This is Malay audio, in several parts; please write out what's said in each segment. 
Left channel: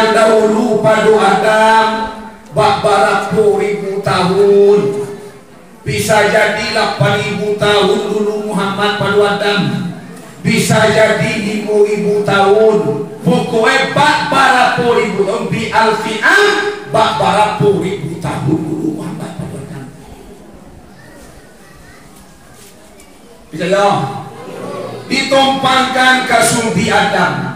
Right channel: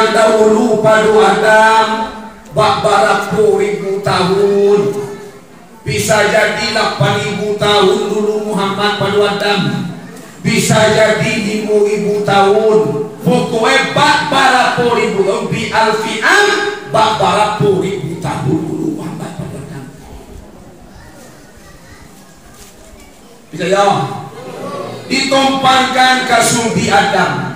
Yang dahulu pada Adam baraku ribu tahun, bisa jadi 8.000 tahun dulu Muhammad pada Adam, bisa jadi 5.000 tahun, pokoknya baraku ribu tahun bi alfi'am baraku ribu tahun dulu Muhammad pada Adam. Bisa ya? Ditumpangkan ke sulbi Adam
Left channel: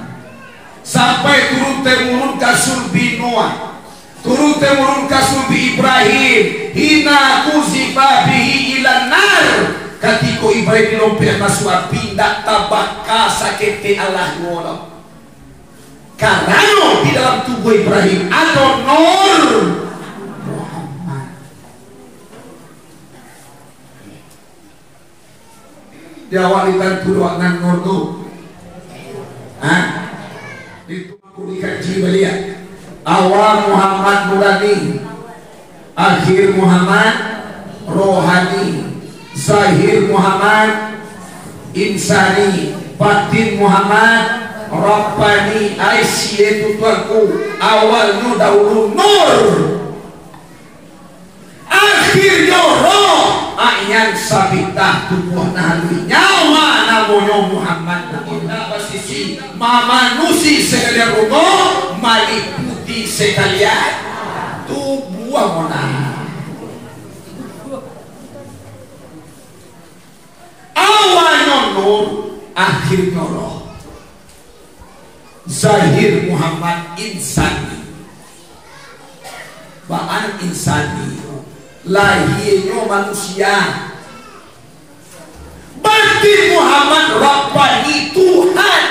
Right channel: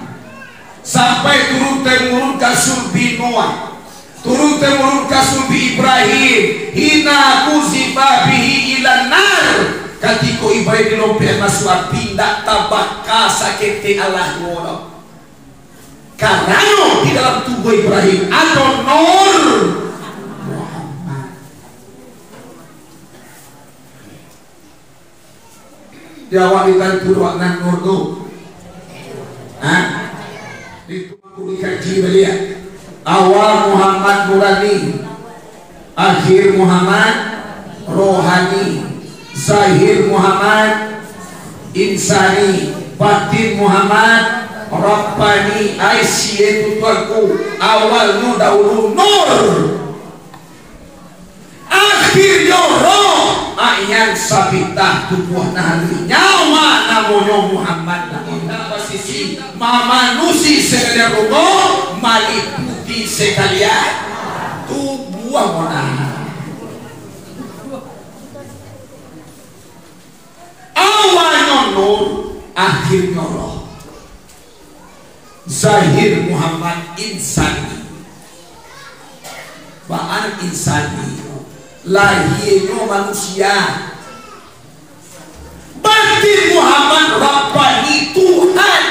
sampai turun temurun ke sulbi Noah, turun temurun ke sulbi Ibrahim, hina kuzifa bihi ilan nar, ketika Ibrahim dilompat masuk api tidak tabaka sakit Allah ngono karena di dalam tubuh Ibrahim atau nur Muhammad. Diawalikan puluhan nur tu itu dikaji beliau awal Muhammad Murani, akhir Muhammad rohani, zahir Muhammad insani, batin Muhammad Rabbani. Aisyah tuanku, awalnya dahulu nur, akhirnya roh, ayan sabitah tubuh nahli nyawa namanya Muhammad. Namanya posisi mamanusi sekalian rogo maliputi sekalian tubuh mana. Awalnya nur, akhirnya roh. Zahir Muhammad insani, baan insani, lahirnya manusia. Batin Muhammad Rabbani Tuhan.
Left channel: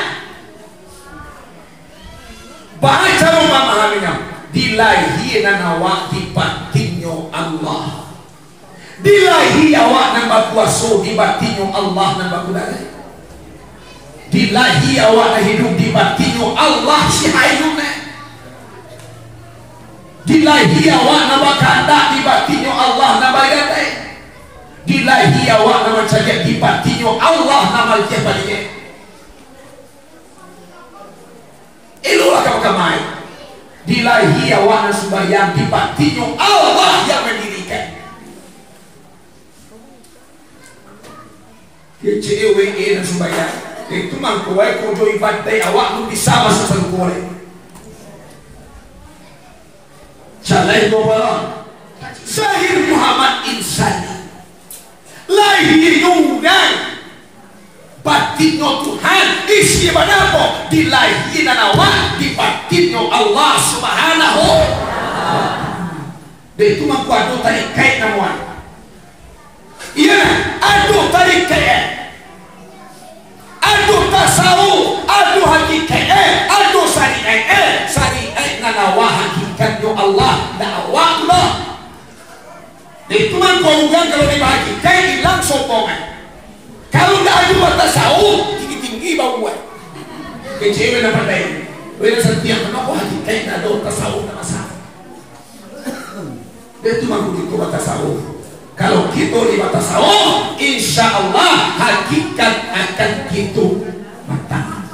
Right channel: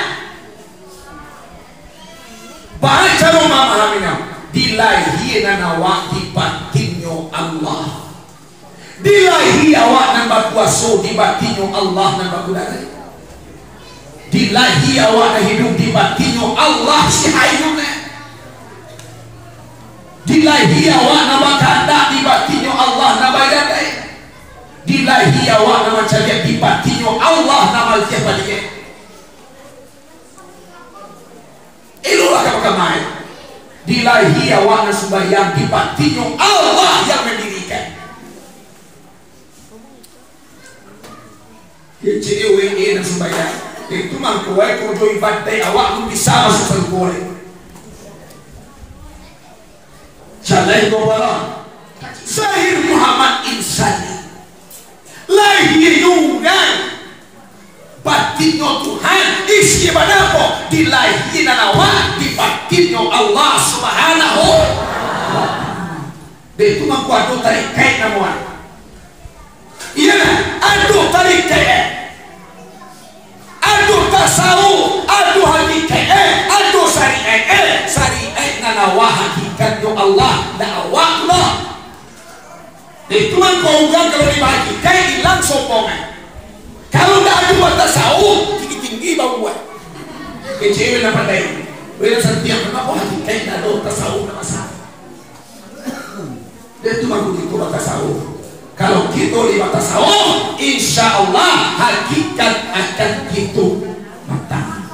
Baca memahaminya, dilahirkan awak di batinnya Allah, dilahi awak nambah puasa di batinnya Allah nambah kudari, dilahi awak hidup di batinnya Allah si hayune, dilahi awak nambah kandak di batinnya Allah nambah gadai, dilahi awak nama cari di batinnya Allah nama siapa dia. Itulah kamu dilahi awak nama sembahyang di batinnya Allah yang mendirikan. CEWE dan sembahyang itu mangkuai kojo ibadah awak lu bisa masuk sangkuai. Jalai bawa Zahir Muhammad insani, lahirnya batinnya Tuhan, isi pada apa? Dilahirin awak di batinnya Allah Subhanahu. Itu mangkuado tarik kait namuan. Iya, aduh tarik kait, aduh tasawuf, aduh hakikat, aduh syariat nanawa hakikatnya Allah dakwah Allah. Itu mangkau ugang kalau dibagi kayak hilang sokongan. Kalau tidak ada tasawuf tinggi-tinggi bau buat kecewa nama daya beliau setiap kenapa hakikat tidak ada tasawuf nama sahabat. Itu mangkau gitu tasawuf. Kalau kita di tasawuf, insya Allah hakikat akan gitu matang.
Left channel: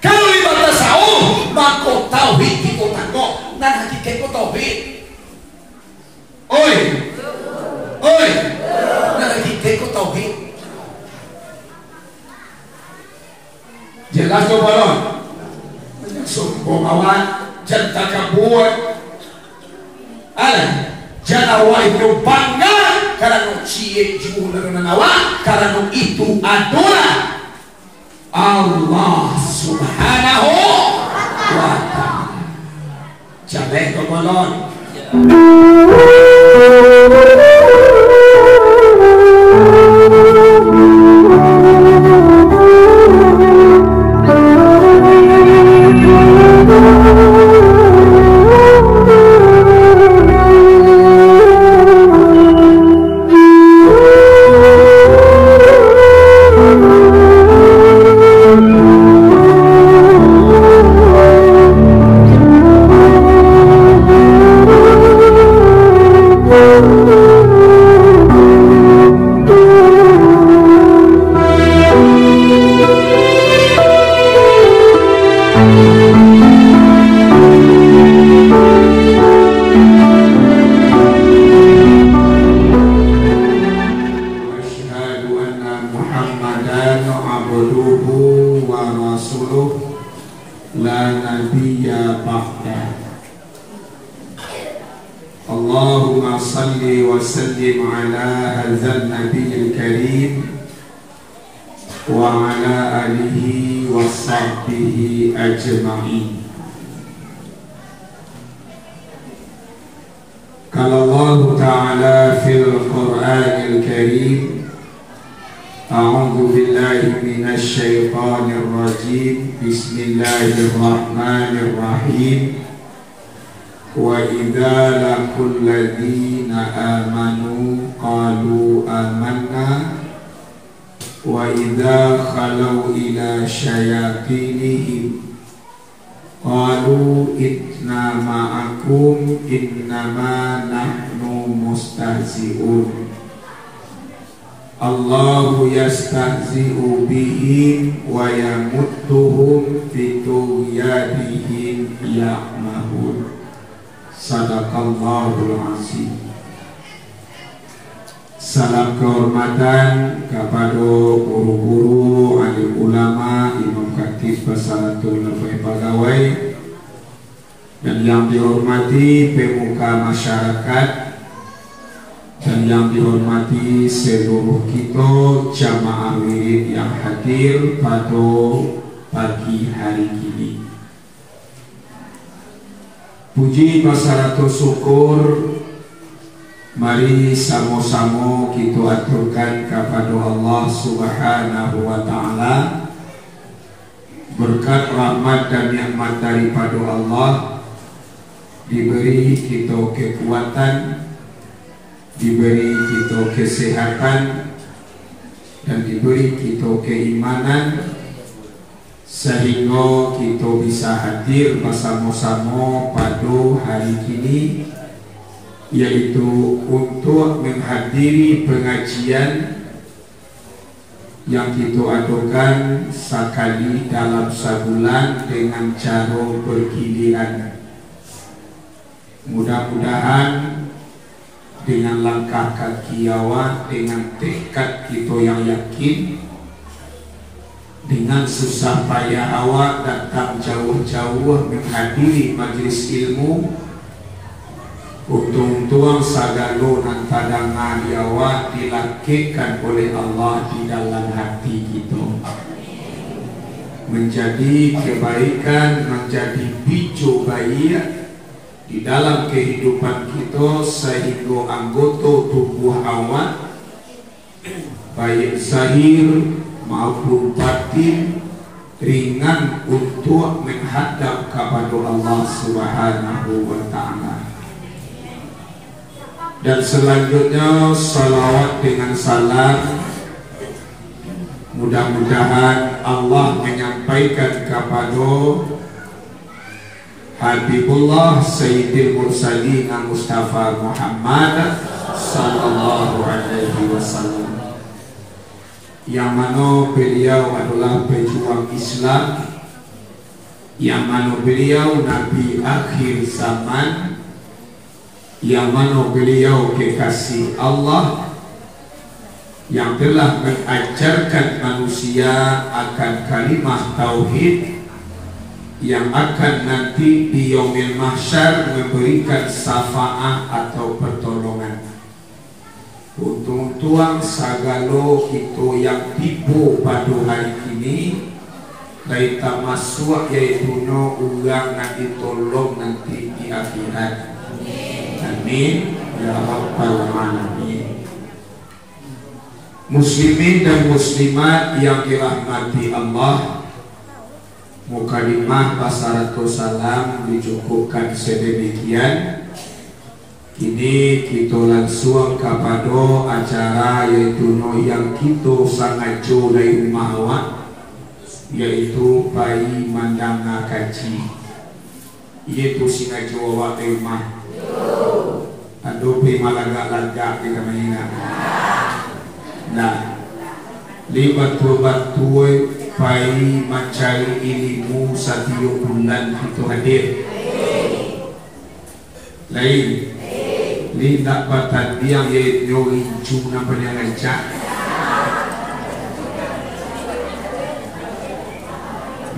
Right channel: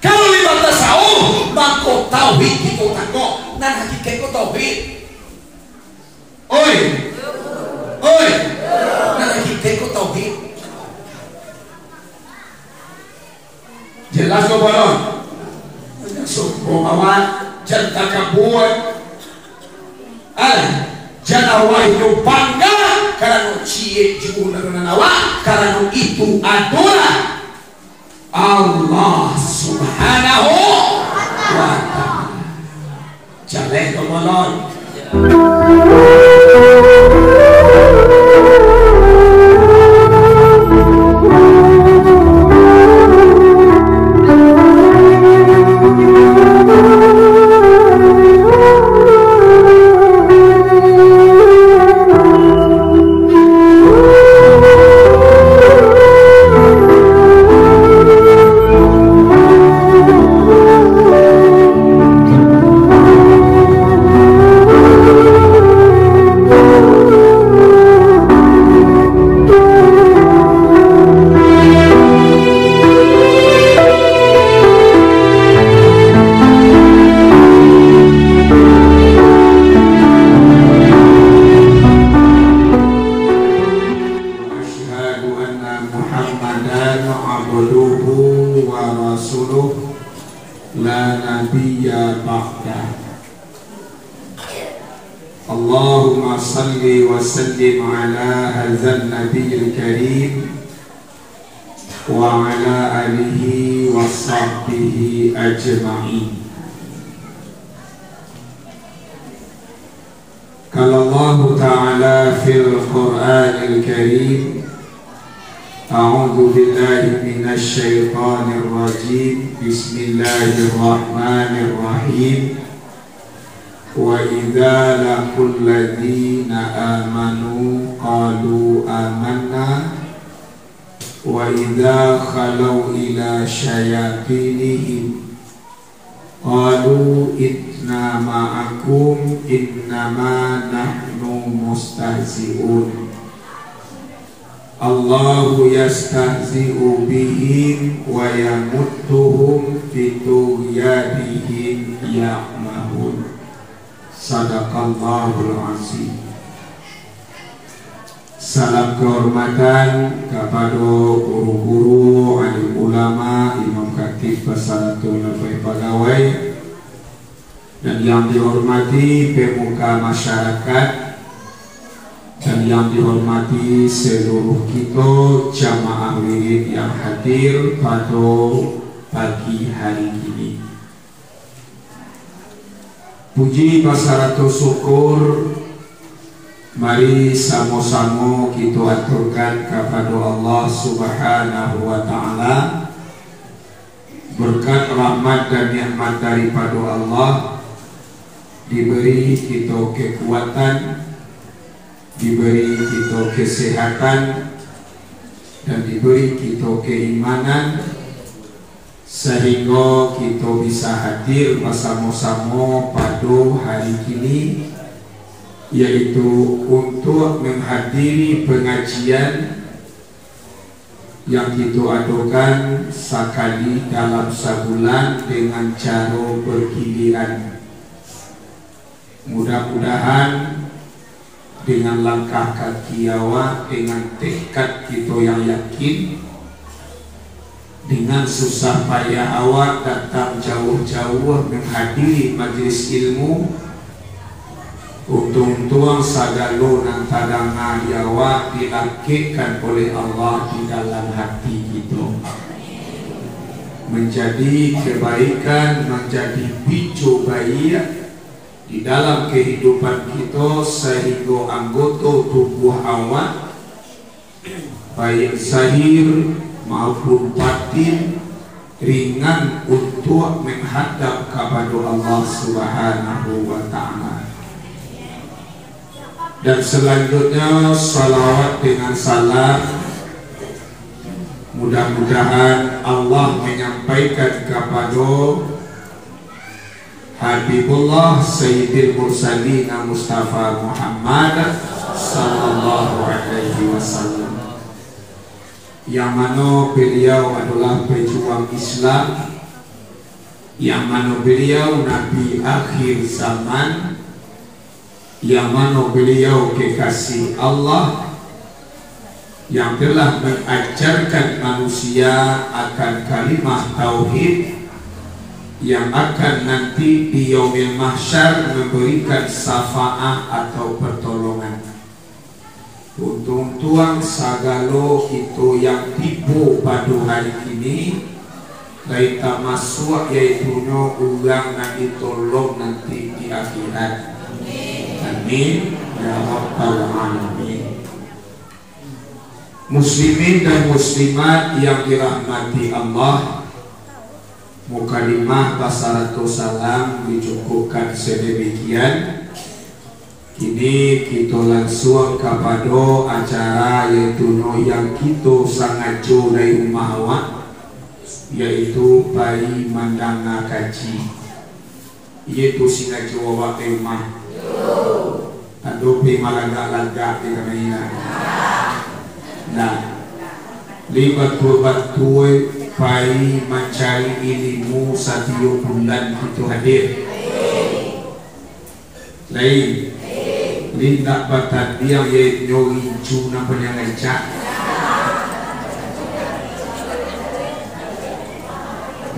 Kalau di tasawuf, maka tauhid kita tangguh, dan hakikat kita tauhid. Oi, dan hakikat kita tauhid. Jelas kau balon, sombongan, jangan kabur, jangan awak itu bangga karena cie jiwa dan awak karena itu adalah Allah Subhanahu wa ta'ala. Jangan kemalon. Allahumma salli wa sallim ala hadzal nabiyil karim wa ala alihi wa sahbihi ajma'in. Qala Allah Ta'ala fil Qur'anil Karim, a'udzu billahi minasy syaithanir rajim. Bismillahirrahmanirrahim. Wa idza laqul ladzina amanu qalu amanna wa idza khalau ila syayatinihim qalu inna ma'akum innama nahnu mustahzi'un. Allahu yastahzi'u bihim wa yamudduhum fi tughyanihim ya'mahun. Sadaqallahul azim. Salam kehormatan kepada guru-guru, alim ulama, imam khatib, persalatul pegawai, dan yang dihormati pemuka masyarakat, dan yang dihormati seluruh kita jamaah wirid yang hadir pada pagi hari ini. Puji pasarato syukur mari sama-sama kita aturkan kepada Allah Subhanahu wa Ta'ala. Berkat rahmat dan nikmat daripada Allah, diberi kita kekuatan, diberi kita kesehatan, dan diberi kita keimanan, sehingga kita bisa hadir bersama-sama pada hari ini, yaitu untuk menghadiri pengajian yang kita adakan sekali dalam sebulan dengan cara bergiliran. Mudah-mudahan dengan langkah kaki awak, dengan tekad kita yang yakin, dengan susah payah awak datang jauh-jauh menghadiri majlis ilmu, untung-untung sagalo nan tadangan awak dilakitkan oleh Allah di dalam hati kita, menjadi kebaikan, menjadi picu baik di dalam kehidupan kita, sehingga anggota tubuh awak baik zahir maupun batin ringan untuk menghadap kepada Allah Subhanahu wa Ta'ala. Dan selanjutnya salawat dengan salam, mudah-mudahan Allah menyampaikan kepada Habibullah Sayyidil Mursalin Mustafa Muhammad sallallahu alaihi wasallam, yang mana beliau adalah pejuang Islam, yang mana beliau Nabi akhir zaman, yang mana beliau kekasih Allah, yang telah mengajarkan manusia akan kalimah tauhid, yang akan nanti di yaumil mahsyar memberikan syafaat atau pertolongan. Untung-untung sagalo itu yang tipu pada hari ini dari termasuk yaitu no ulang nanti tolong nanti di akhirat. Amin ya rabbal alamin. Muslimin dan muslimat yang dirahmati Allah, mukadimah basaratul salam dicukupkan sedemikian. Kini kita langsung kepada acara yaitu yang kita sangat jauh dari rumah awak, yaitu bayi mandanga kaji. Yaitu singa jauh awak dari rumah. Aduh pi malagak-lagak kita mainan. Nah, libat-batui bayi mencari ilmu 1 bulan itu hadir. Lain lindak batat dia nyori ju nampaknya ngancak.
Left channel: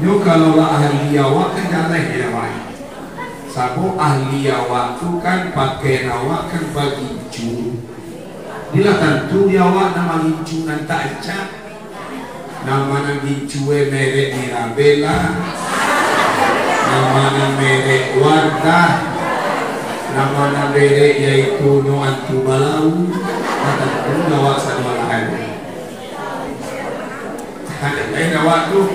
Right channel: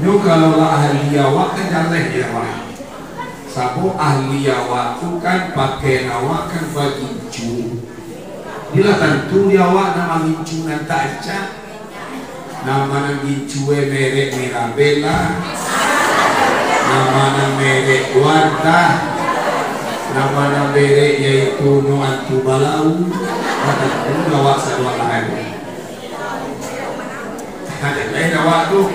Nu kalau lah ahli awak kan kalah dia awak. Sabo ahli awak tu kan pakai awak kan bagi cu. Bila tentu dia awak nama gincu nan tak acak. Nama nan gincu merek Mirabella. Nama nan merek Wardah. Nama nan merek yaitu No Antu Balau. Tentu awak satu lain. Ada lain awak tu.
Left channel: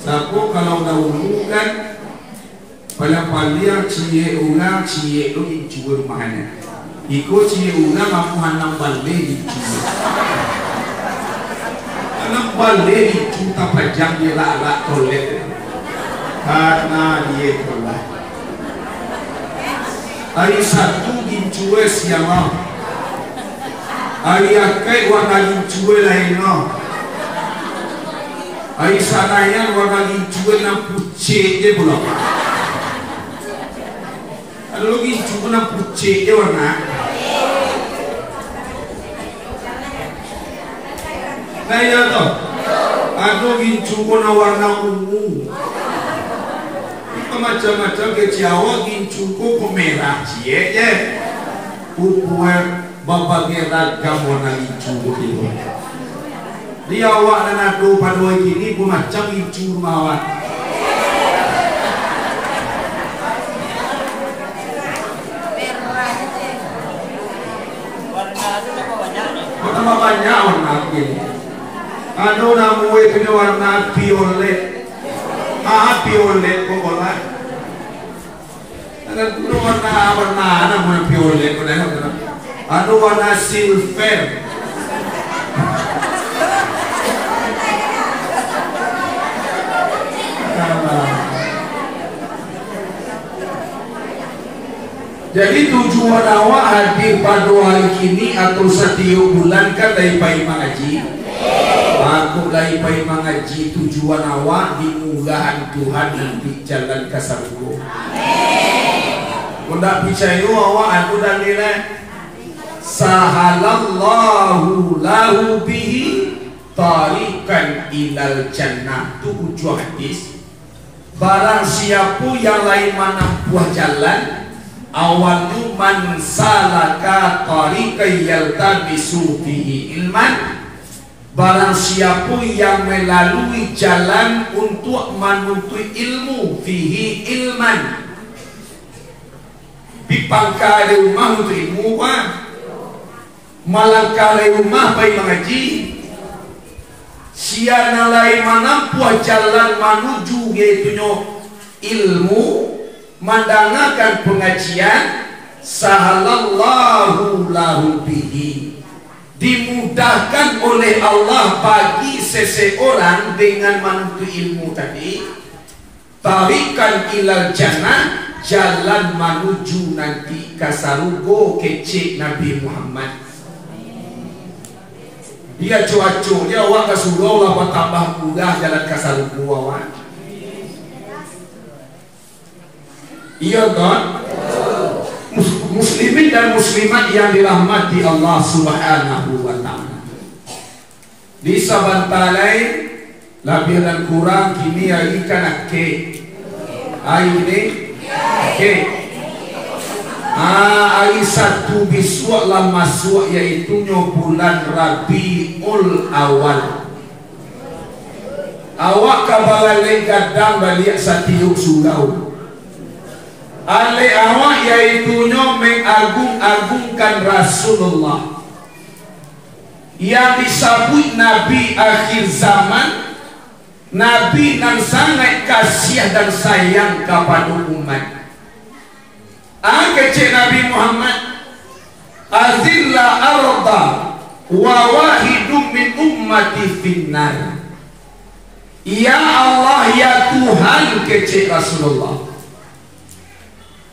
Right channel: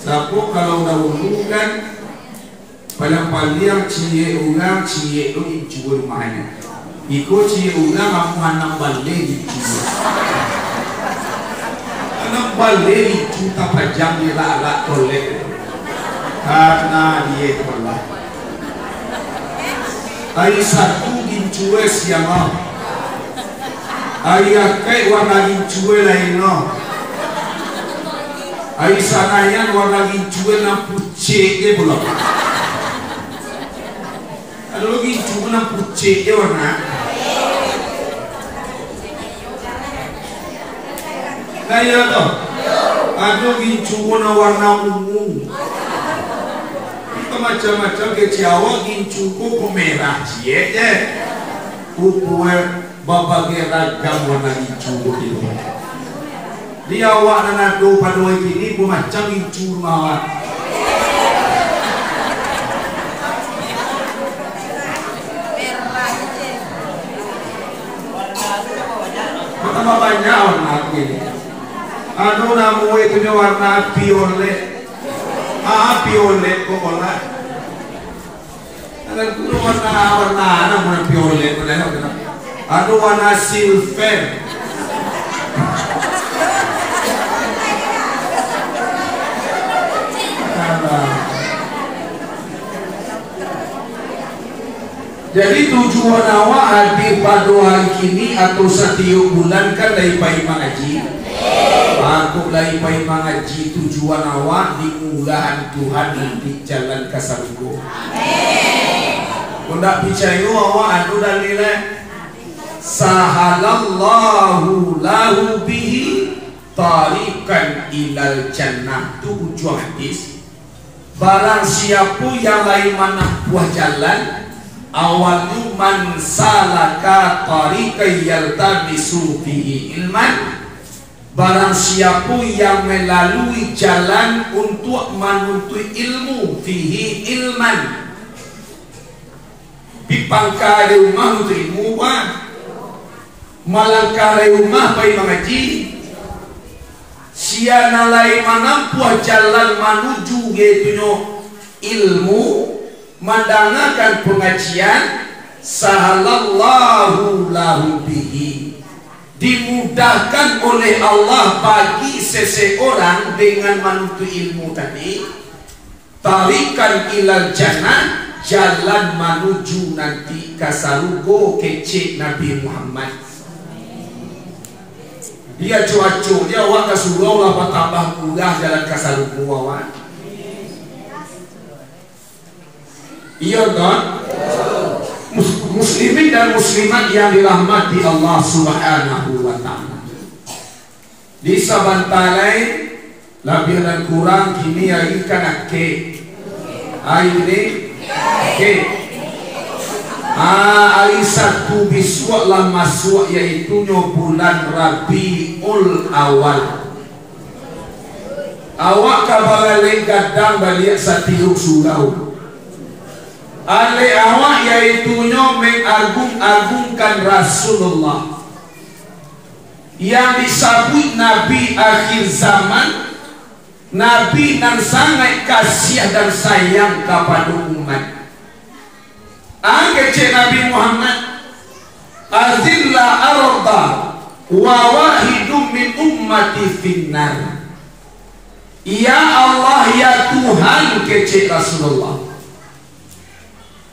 Sabo kalau dahulu kan paling cie orang cie lu gincu rumahnya. Iko cie orang kamu anak balik gincu. Anak balik gincu tak pajang dia lah toilet. Karena dia toilet. Hari satu gincu siapa? Hari akai warna gincu lain no. Hari sanayan warna gincu nak pucet dia belum. Kalau gincu nak pucet dia warna. Nah ya toh. Ada gincu warna ungu. Itu macam-macam ke Jawa gincu ko pemerah cie je. Ukuer berbagai ragam warna gincu itu. Di awak dan ado pada ini pun macam gincu rumah awak. Pertama banyak warna ini. Ado namu punya warna violet. Violet kok olah. Ada tu warna nama violet mana? Ado warna silver. Jadi tujuan awak hadir pada hari ini atau setiap bulan kan dari pai mengaji. Aku dari pai mengaji tujuan awak dimulakan Tuhan di jalan kasarugo. Hendak percaya awak anu dalilnya sahalallahu lahu bihi tariqan ilal jannah. Tu ujung hadis. Barang siapa yang lain menempuh jalan awalnya man salaka tariqan yaltamisu fihi ilman. Barang siapa yang melalui jalan untuk menuntut ilmu fihi ilman. Pipangka di rumah untuk ilmu malangkah di rumah pergi mengaji. Siana lain menampuh jalan menuju yaitunya ilmu mendengarkan pengajian sahalallahu lahu bihi, dimudahkan oleh Allah bagi seseorang dengan menuntut ilmu tadi tarikan ilal jannah, jalan menuju nanti kasarugo kecik Nabi Muhammad. Dia cuaco dia awak ke surau lah tambah mudah jalan kasarugo awak. Iya kan? Muslimin dan muslimat yang dirahmati Allah Subhanahu wa ta'ala. Di sabantalai lebih dan kurang kini hari kan ke. Hari ini ke. Hari satu biswa lah masuk yaitu bulan Rabiul Awal. Awak kabarale gadang balik satiuk surau. Ale awak yaitunya mengagung-agungkan Rasulullah yang disebut Nabi akhir zaman, Nabi yang sangat kasih dan sayang kepada umat. Kecik Nabi Muhammad azilla arda wa wahidum min ummati finnar. Ya Allah ya Tuhan kecik Rasulullah,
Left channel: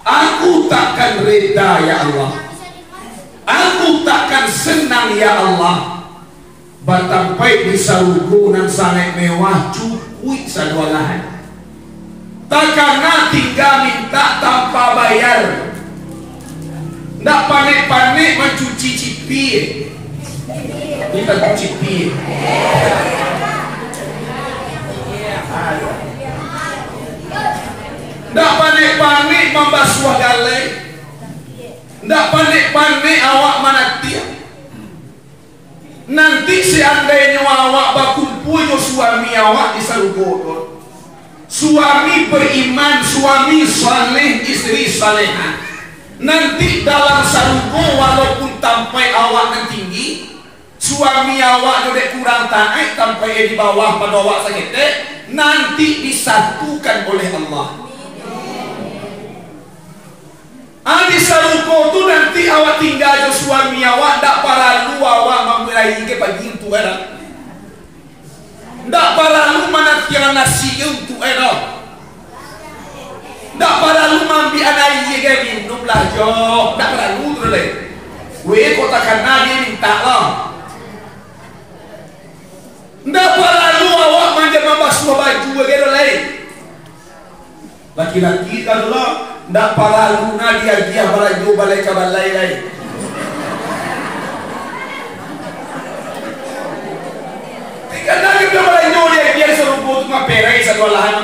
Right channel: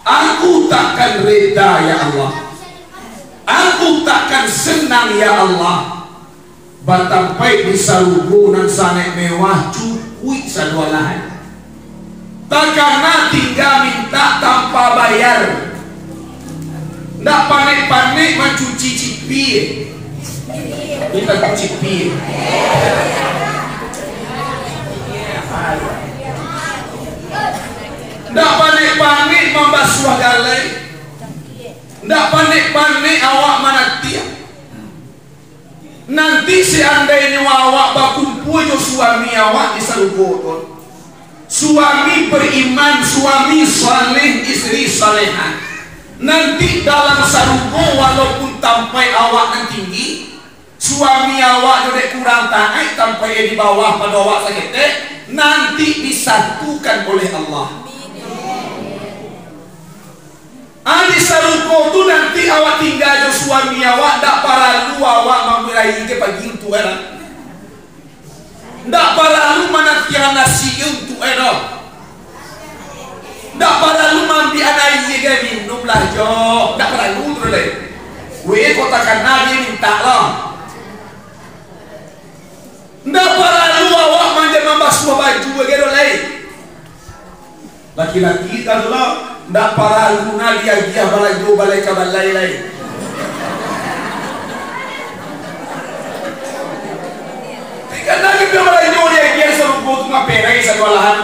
aku takkan reda ya Allah, aku takkan senang ya Allah batampai di sarugo nan sangat mewah cukup sadua lahan. Takkan tinggal minta tanpa bayar. Ndak panik-panik mencuci cipi. Kita cuci cipi. Ndak panik-panik membasuh galai. Ndak panik-panik awak manatia. Nanti seandainya awak berkumpul dengan suami awak di salugoton, suami beriman, suami saleh, istri salehah, nanti dalam salugo walaupun tampai awak nan tinggi, suami awak dodek kurang taat tampai di bawah pada awak sakit, nanti disatukan oleh Allah. Di saluko tu nanti awak tinggal dengan suami awak, tak perlu awak memberi ke pagi untuk era, tak perlu menatian nasi untuk era, tak perlu mampi anak ke minum lah jo, tak perlu terus. Weh kota kena dia minta lah, tak perlu awak manja membasuh baju ke lain. Laki-laki kalau lah ndak perlu dia balai go balai ka balai lain. Karena kita balai go dia biar serupo tu ngaperai sekolahan.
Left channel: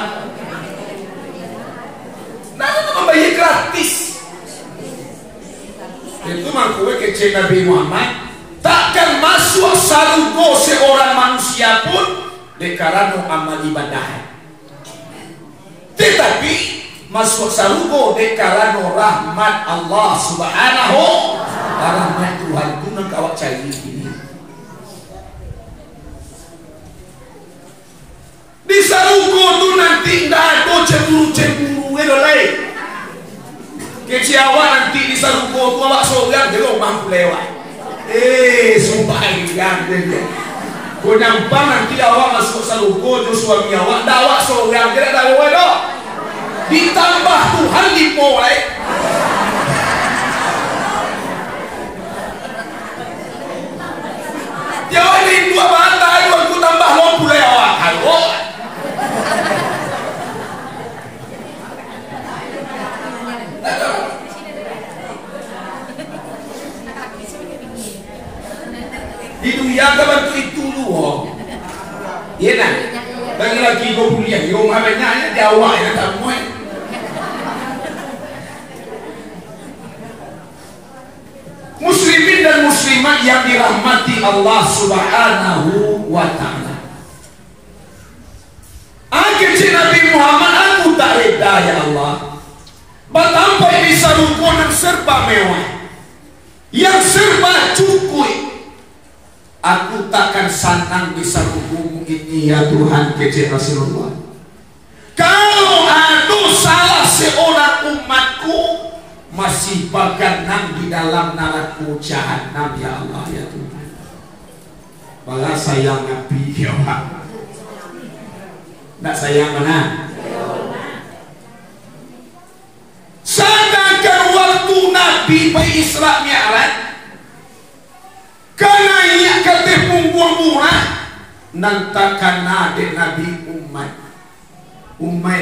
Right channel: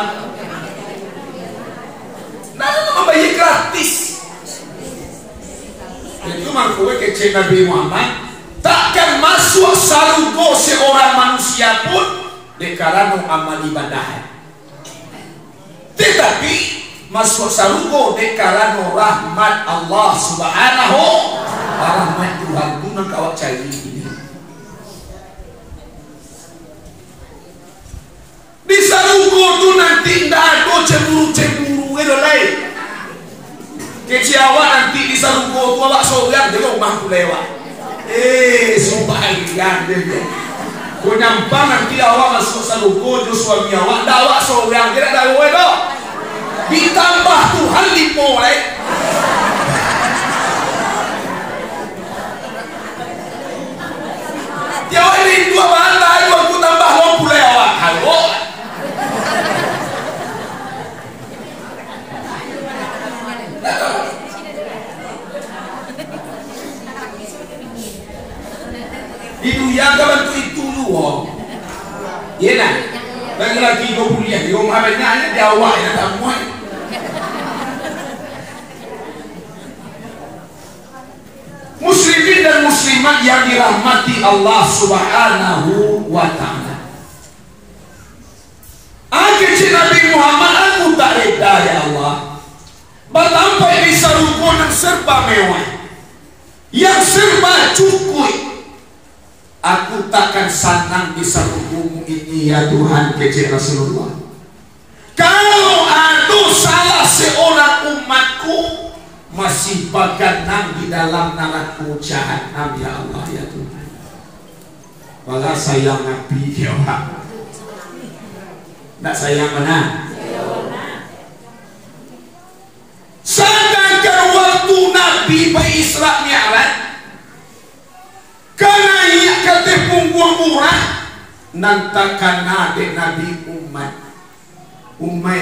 Nah itu membayar gratis. Itu mangkowe kece Nabi Muhammad takkan masuk sarugo seorang manusia pun karena amal ibadah. Tetapi masuk sarugo karena rahmat Allah subhanahu rahmat Tuhan itu nak awak cari ini. Di sarugo tu nanti tidak ada cemburu-cemburu itu lain. Kecil awak nanti di sarugo tu awak seorang dia mampu lewat. Subhanallah dia. Kau nampak nanti awak masuk sarugo tu suami awak, dah awak seorang dia dah lewat dah. Ditambah Tuhan dimulai. Jawab ini dua bantai, aku tambah lompu lewat. Halo. Itu yang bantu itu dulu. Iya nak. Lagi-lagi kau kuliah, kau mabenarnya Jawa yang tak muat. Muslimin dan muslimat yang dirahmati Allah subhanahu wa ta'ala. Kecil Nabi Muhammad aku tak reda ya Allah. Batampai di sarugo yang serba mewah, yang serba cukup. Aku takkan senang di sarugomu ini ya Tuhan, kecil Rasulullah. Kalau ada salah seorang umatku masih baganang di dalam neraka jahanam ya Allah ya Tuhan. Malah sayang Nabi ya Allah. Tak sayang mana? Sedangkan waktu Nabi Isra Mi'raj karena ia kata punggung murah nantakan adik Nabi umat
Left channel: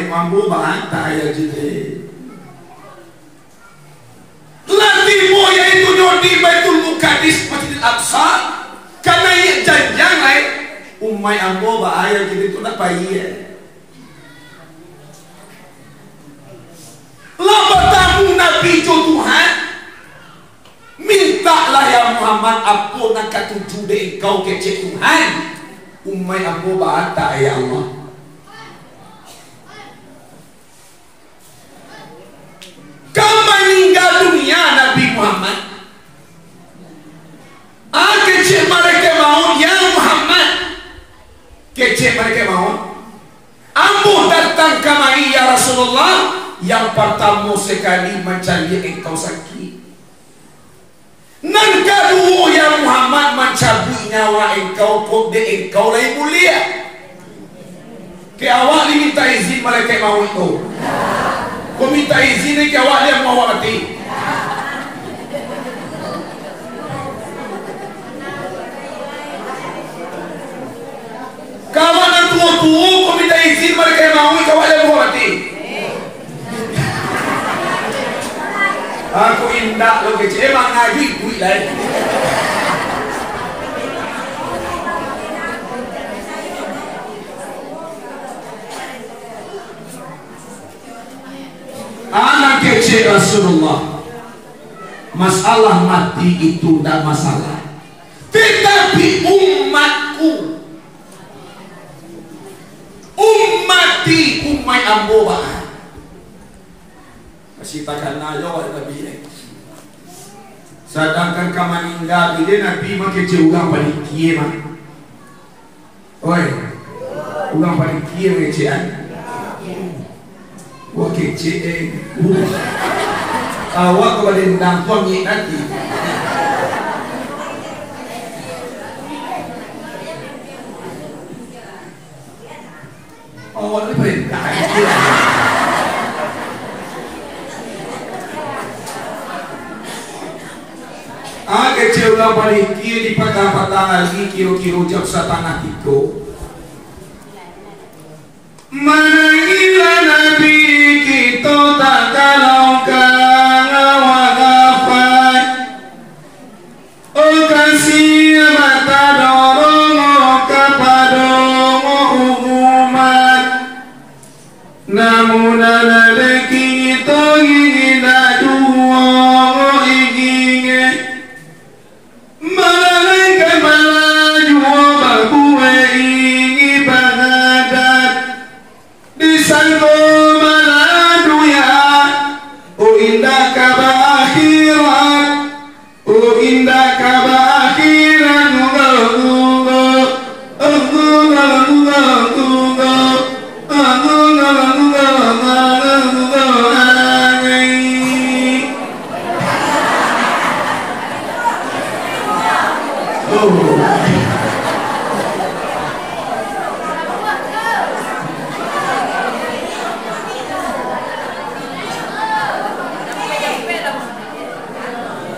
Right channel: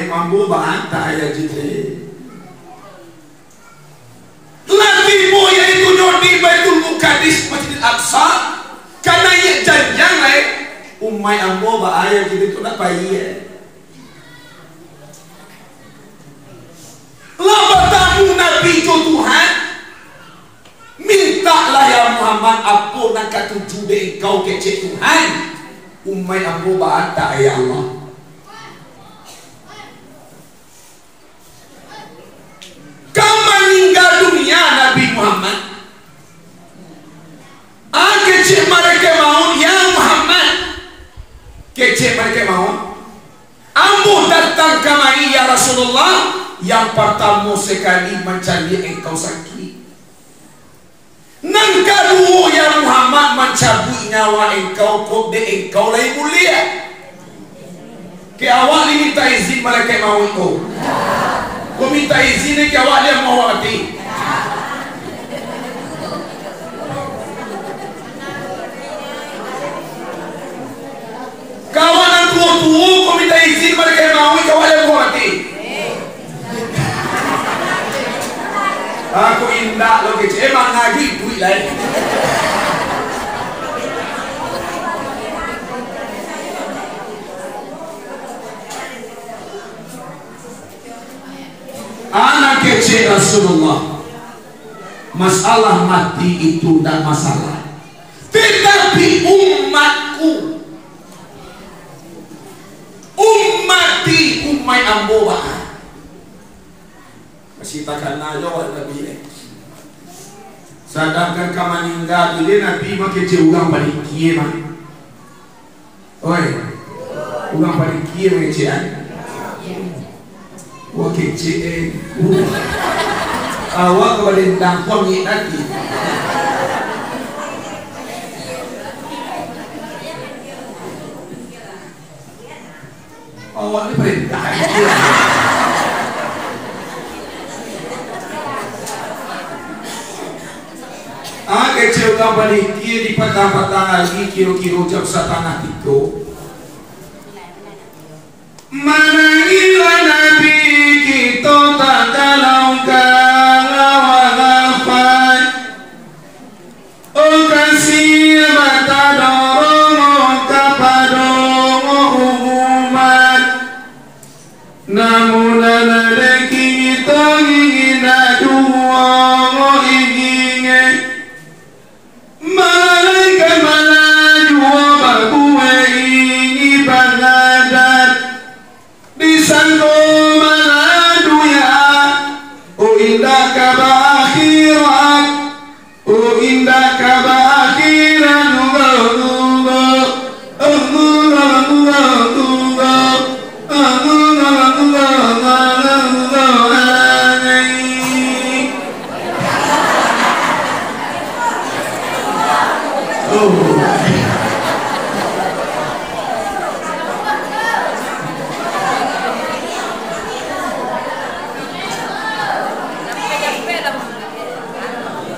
mampu bantah ya jadi Nabi moya itu di Baitul Muqaddis Masjid Al-Aqsa karena ia janjang lain umai ambo bahaya jadi tu nak payah lah bertamu Nabi jo Tuhan mintalah ya Muhammad apa nak katuju de engkau kecek Tuhan umai ambo bahata ya Allah. Kau meninggal dunia Nabi Muhammad. Kecil mereka mau ya Muhammad. Kecil mereka mau. Ambo datang kemari ya Rasulullah. Yang pertama sekali mencari engkau sakit. Nan kedua ya Muhammad mencabut nyawa engkau kok de engkau lain mulia. Ke awak diminta izin mereka mau itu. Kau minta izin ke awak dia mau mati. Kawan yang tua-tua kau minta izin mereka mau ke awak dia mau mati. Aku indah lo kecil emang ngaji duit lain. cek Rasulullah, masalah mati itu tidak masalah, tetapi umatku, ummati ummai amboba masih takkan nayo wa nabi. Sedangkan kamaninggal ide nabi make ugang balik kieu mah. Oi. Ugang balik kieu ngecean. Wa kece awak kepada dampon ni nanti. Awak ni perintah. Kecil ulang balik kiri di patah-patah lagi kiro-kiro jam satana itu. Manangila nabi kita tak kalau wagafat. O kasih mata dorong kepadongo umat. Namun ada kita ingin dua ingin malaikat malaju bakue ingi bangadat disangko maladu ya. O indah kabakhiran, o indah kabakhiran,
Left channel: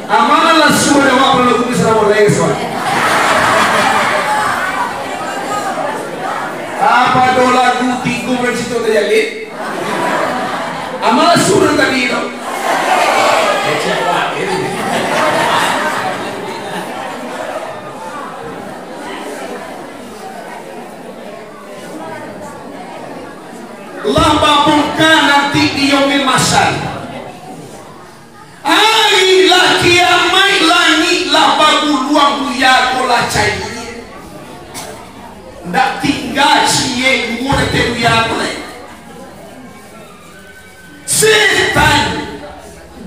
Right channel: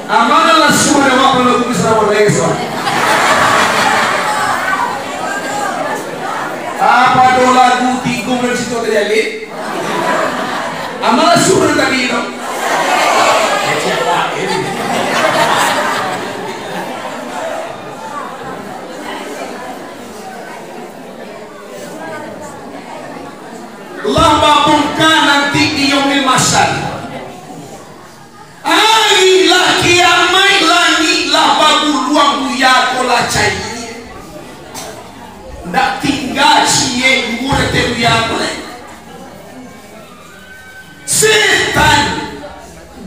amalah semua awak perlu bisa melesot. Apa do lagu tikung dari situ terjadi? Amalah semua tadi itu. Siapa ini? Allah babungkan nanti di yaumil masal. Ailah kiamai langit lah bagu luang buya kola cai. Ndak tinggal cie murte buya kola. Setan,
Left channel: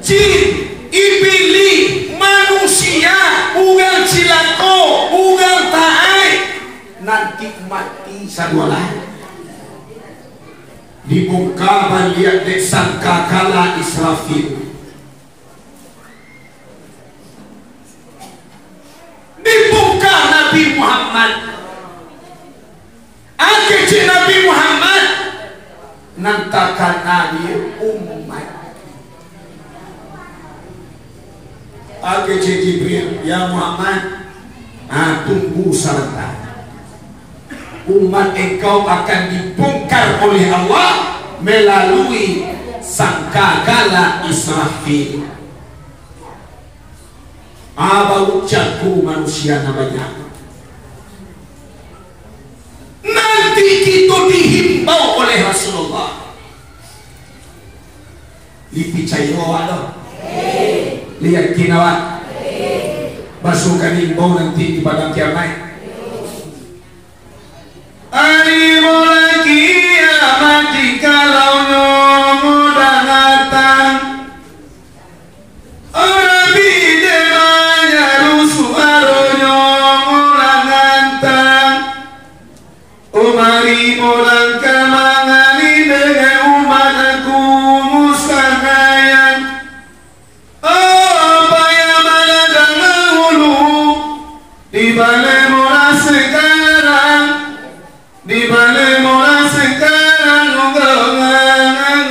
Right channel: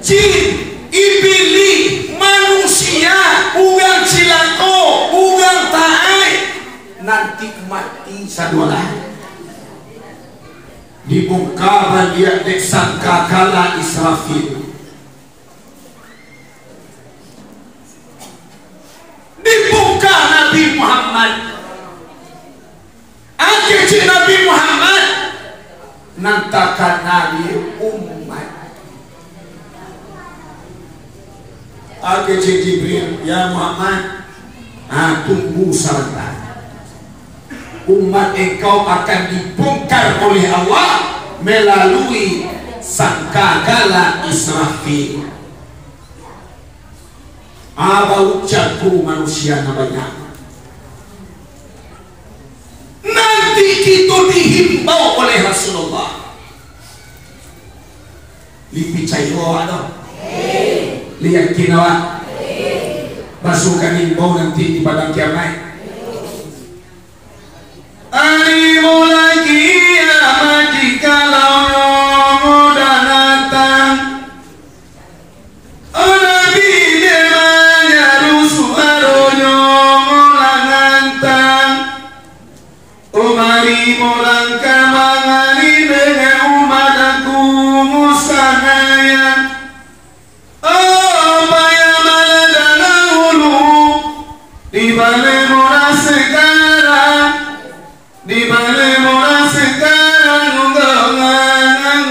jin, iblis, manusia, ugang cilako, ugang taai, nanti mati sadualah. Dibuka lihat dek sangka kala Israfil. Dibuka Nabi Muhammad. Akhirnya Nabi Muhammad nantakan Nabi umat. Akhirnya Jibril, ya Muhammad, tunggu salat. Umat engkau akan dibongkar oleh Allah melalui sangkakala Israfil. Bau jatuh manusia namanya. Nanti kita dihimbau oleh Rasulullah. Dipicai doa. Lihat kinawa. Masukkan himbau nanti di padang kiamat. Animo lagi amat jikalau nyomo danatan. Nabi demanya rusuh aro nyomo langantan. Umari mulang kamangani dengan umat aku musahayang. Payah mana dengan hulu di balai murah sekarang. Di balai murah sekarang ugongan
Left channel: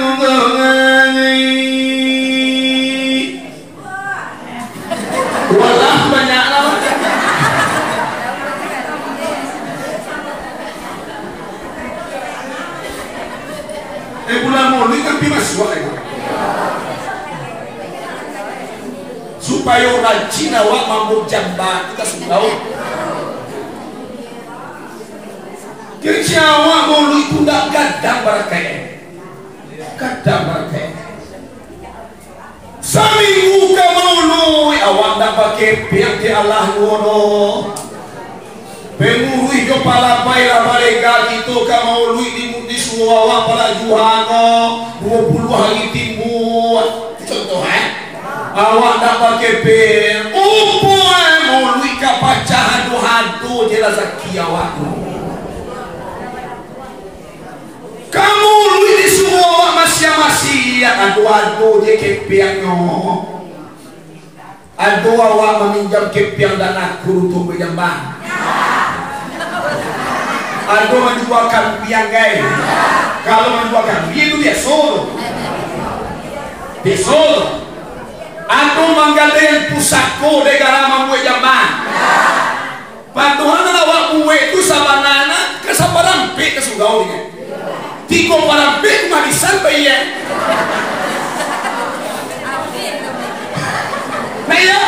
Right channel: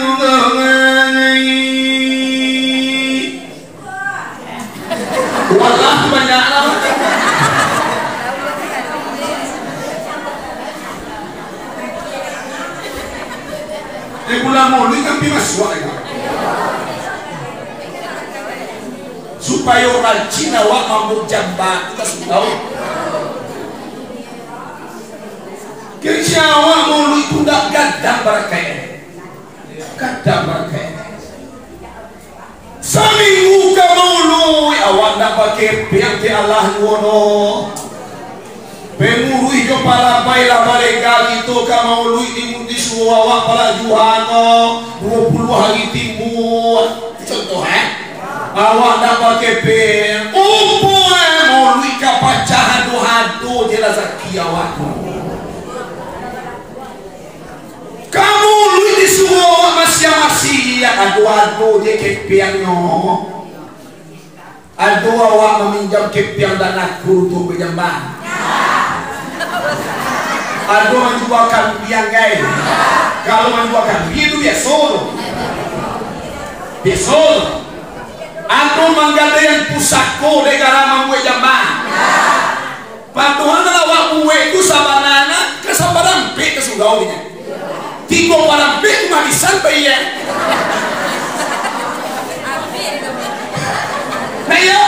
walah banyak lah. Bulan maulid kan bimaswa ya. Supaya orang Cina wak mampu jambak kita sudah. Kecewa maulid itu tidak gadang barakai. Gadang barakai. Seminggu ke maului awak nak pakai pihak ke Allah wono. Pemurui kepala baiklah balik itu ke maului di semua awak para juhano 20 hari timbul. Contoh awak nak pakai pihak maului ke pacah hadu-hadu je rezeki awak. Kamu lui di semua awak masing-masing adu-adu dia kepiangnya. Adu awak meminjam kepiang dan aku untuk berjambang. Adu menjual kambing guys. Kalau menjual kambing itu biasa. Biasa. Adu menggadai yang pusako negara membuat jambang. Pantuhan awak buat itu sabanana kesabaran pe kesugaunya. Tigo parang big magisan ba iya? Naya,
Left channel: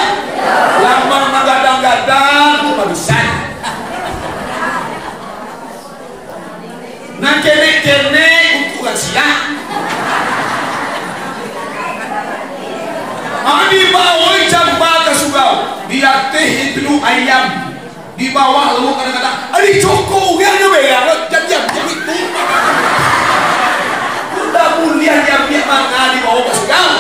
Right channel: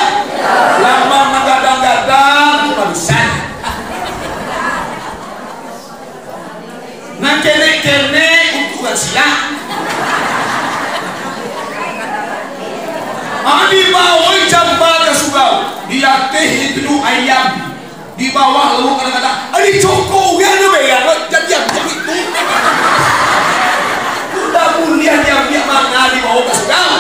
lama magadang-gadang kumagisan. Nang kene-kene ukuran sila. Di bawah jambal kasugao, dilatih itu ayam. Di bawah lalu kadang-kadang, adi coko yang nyo bayar, janjian itu. Udah mulia dia mana di bawah kasugao.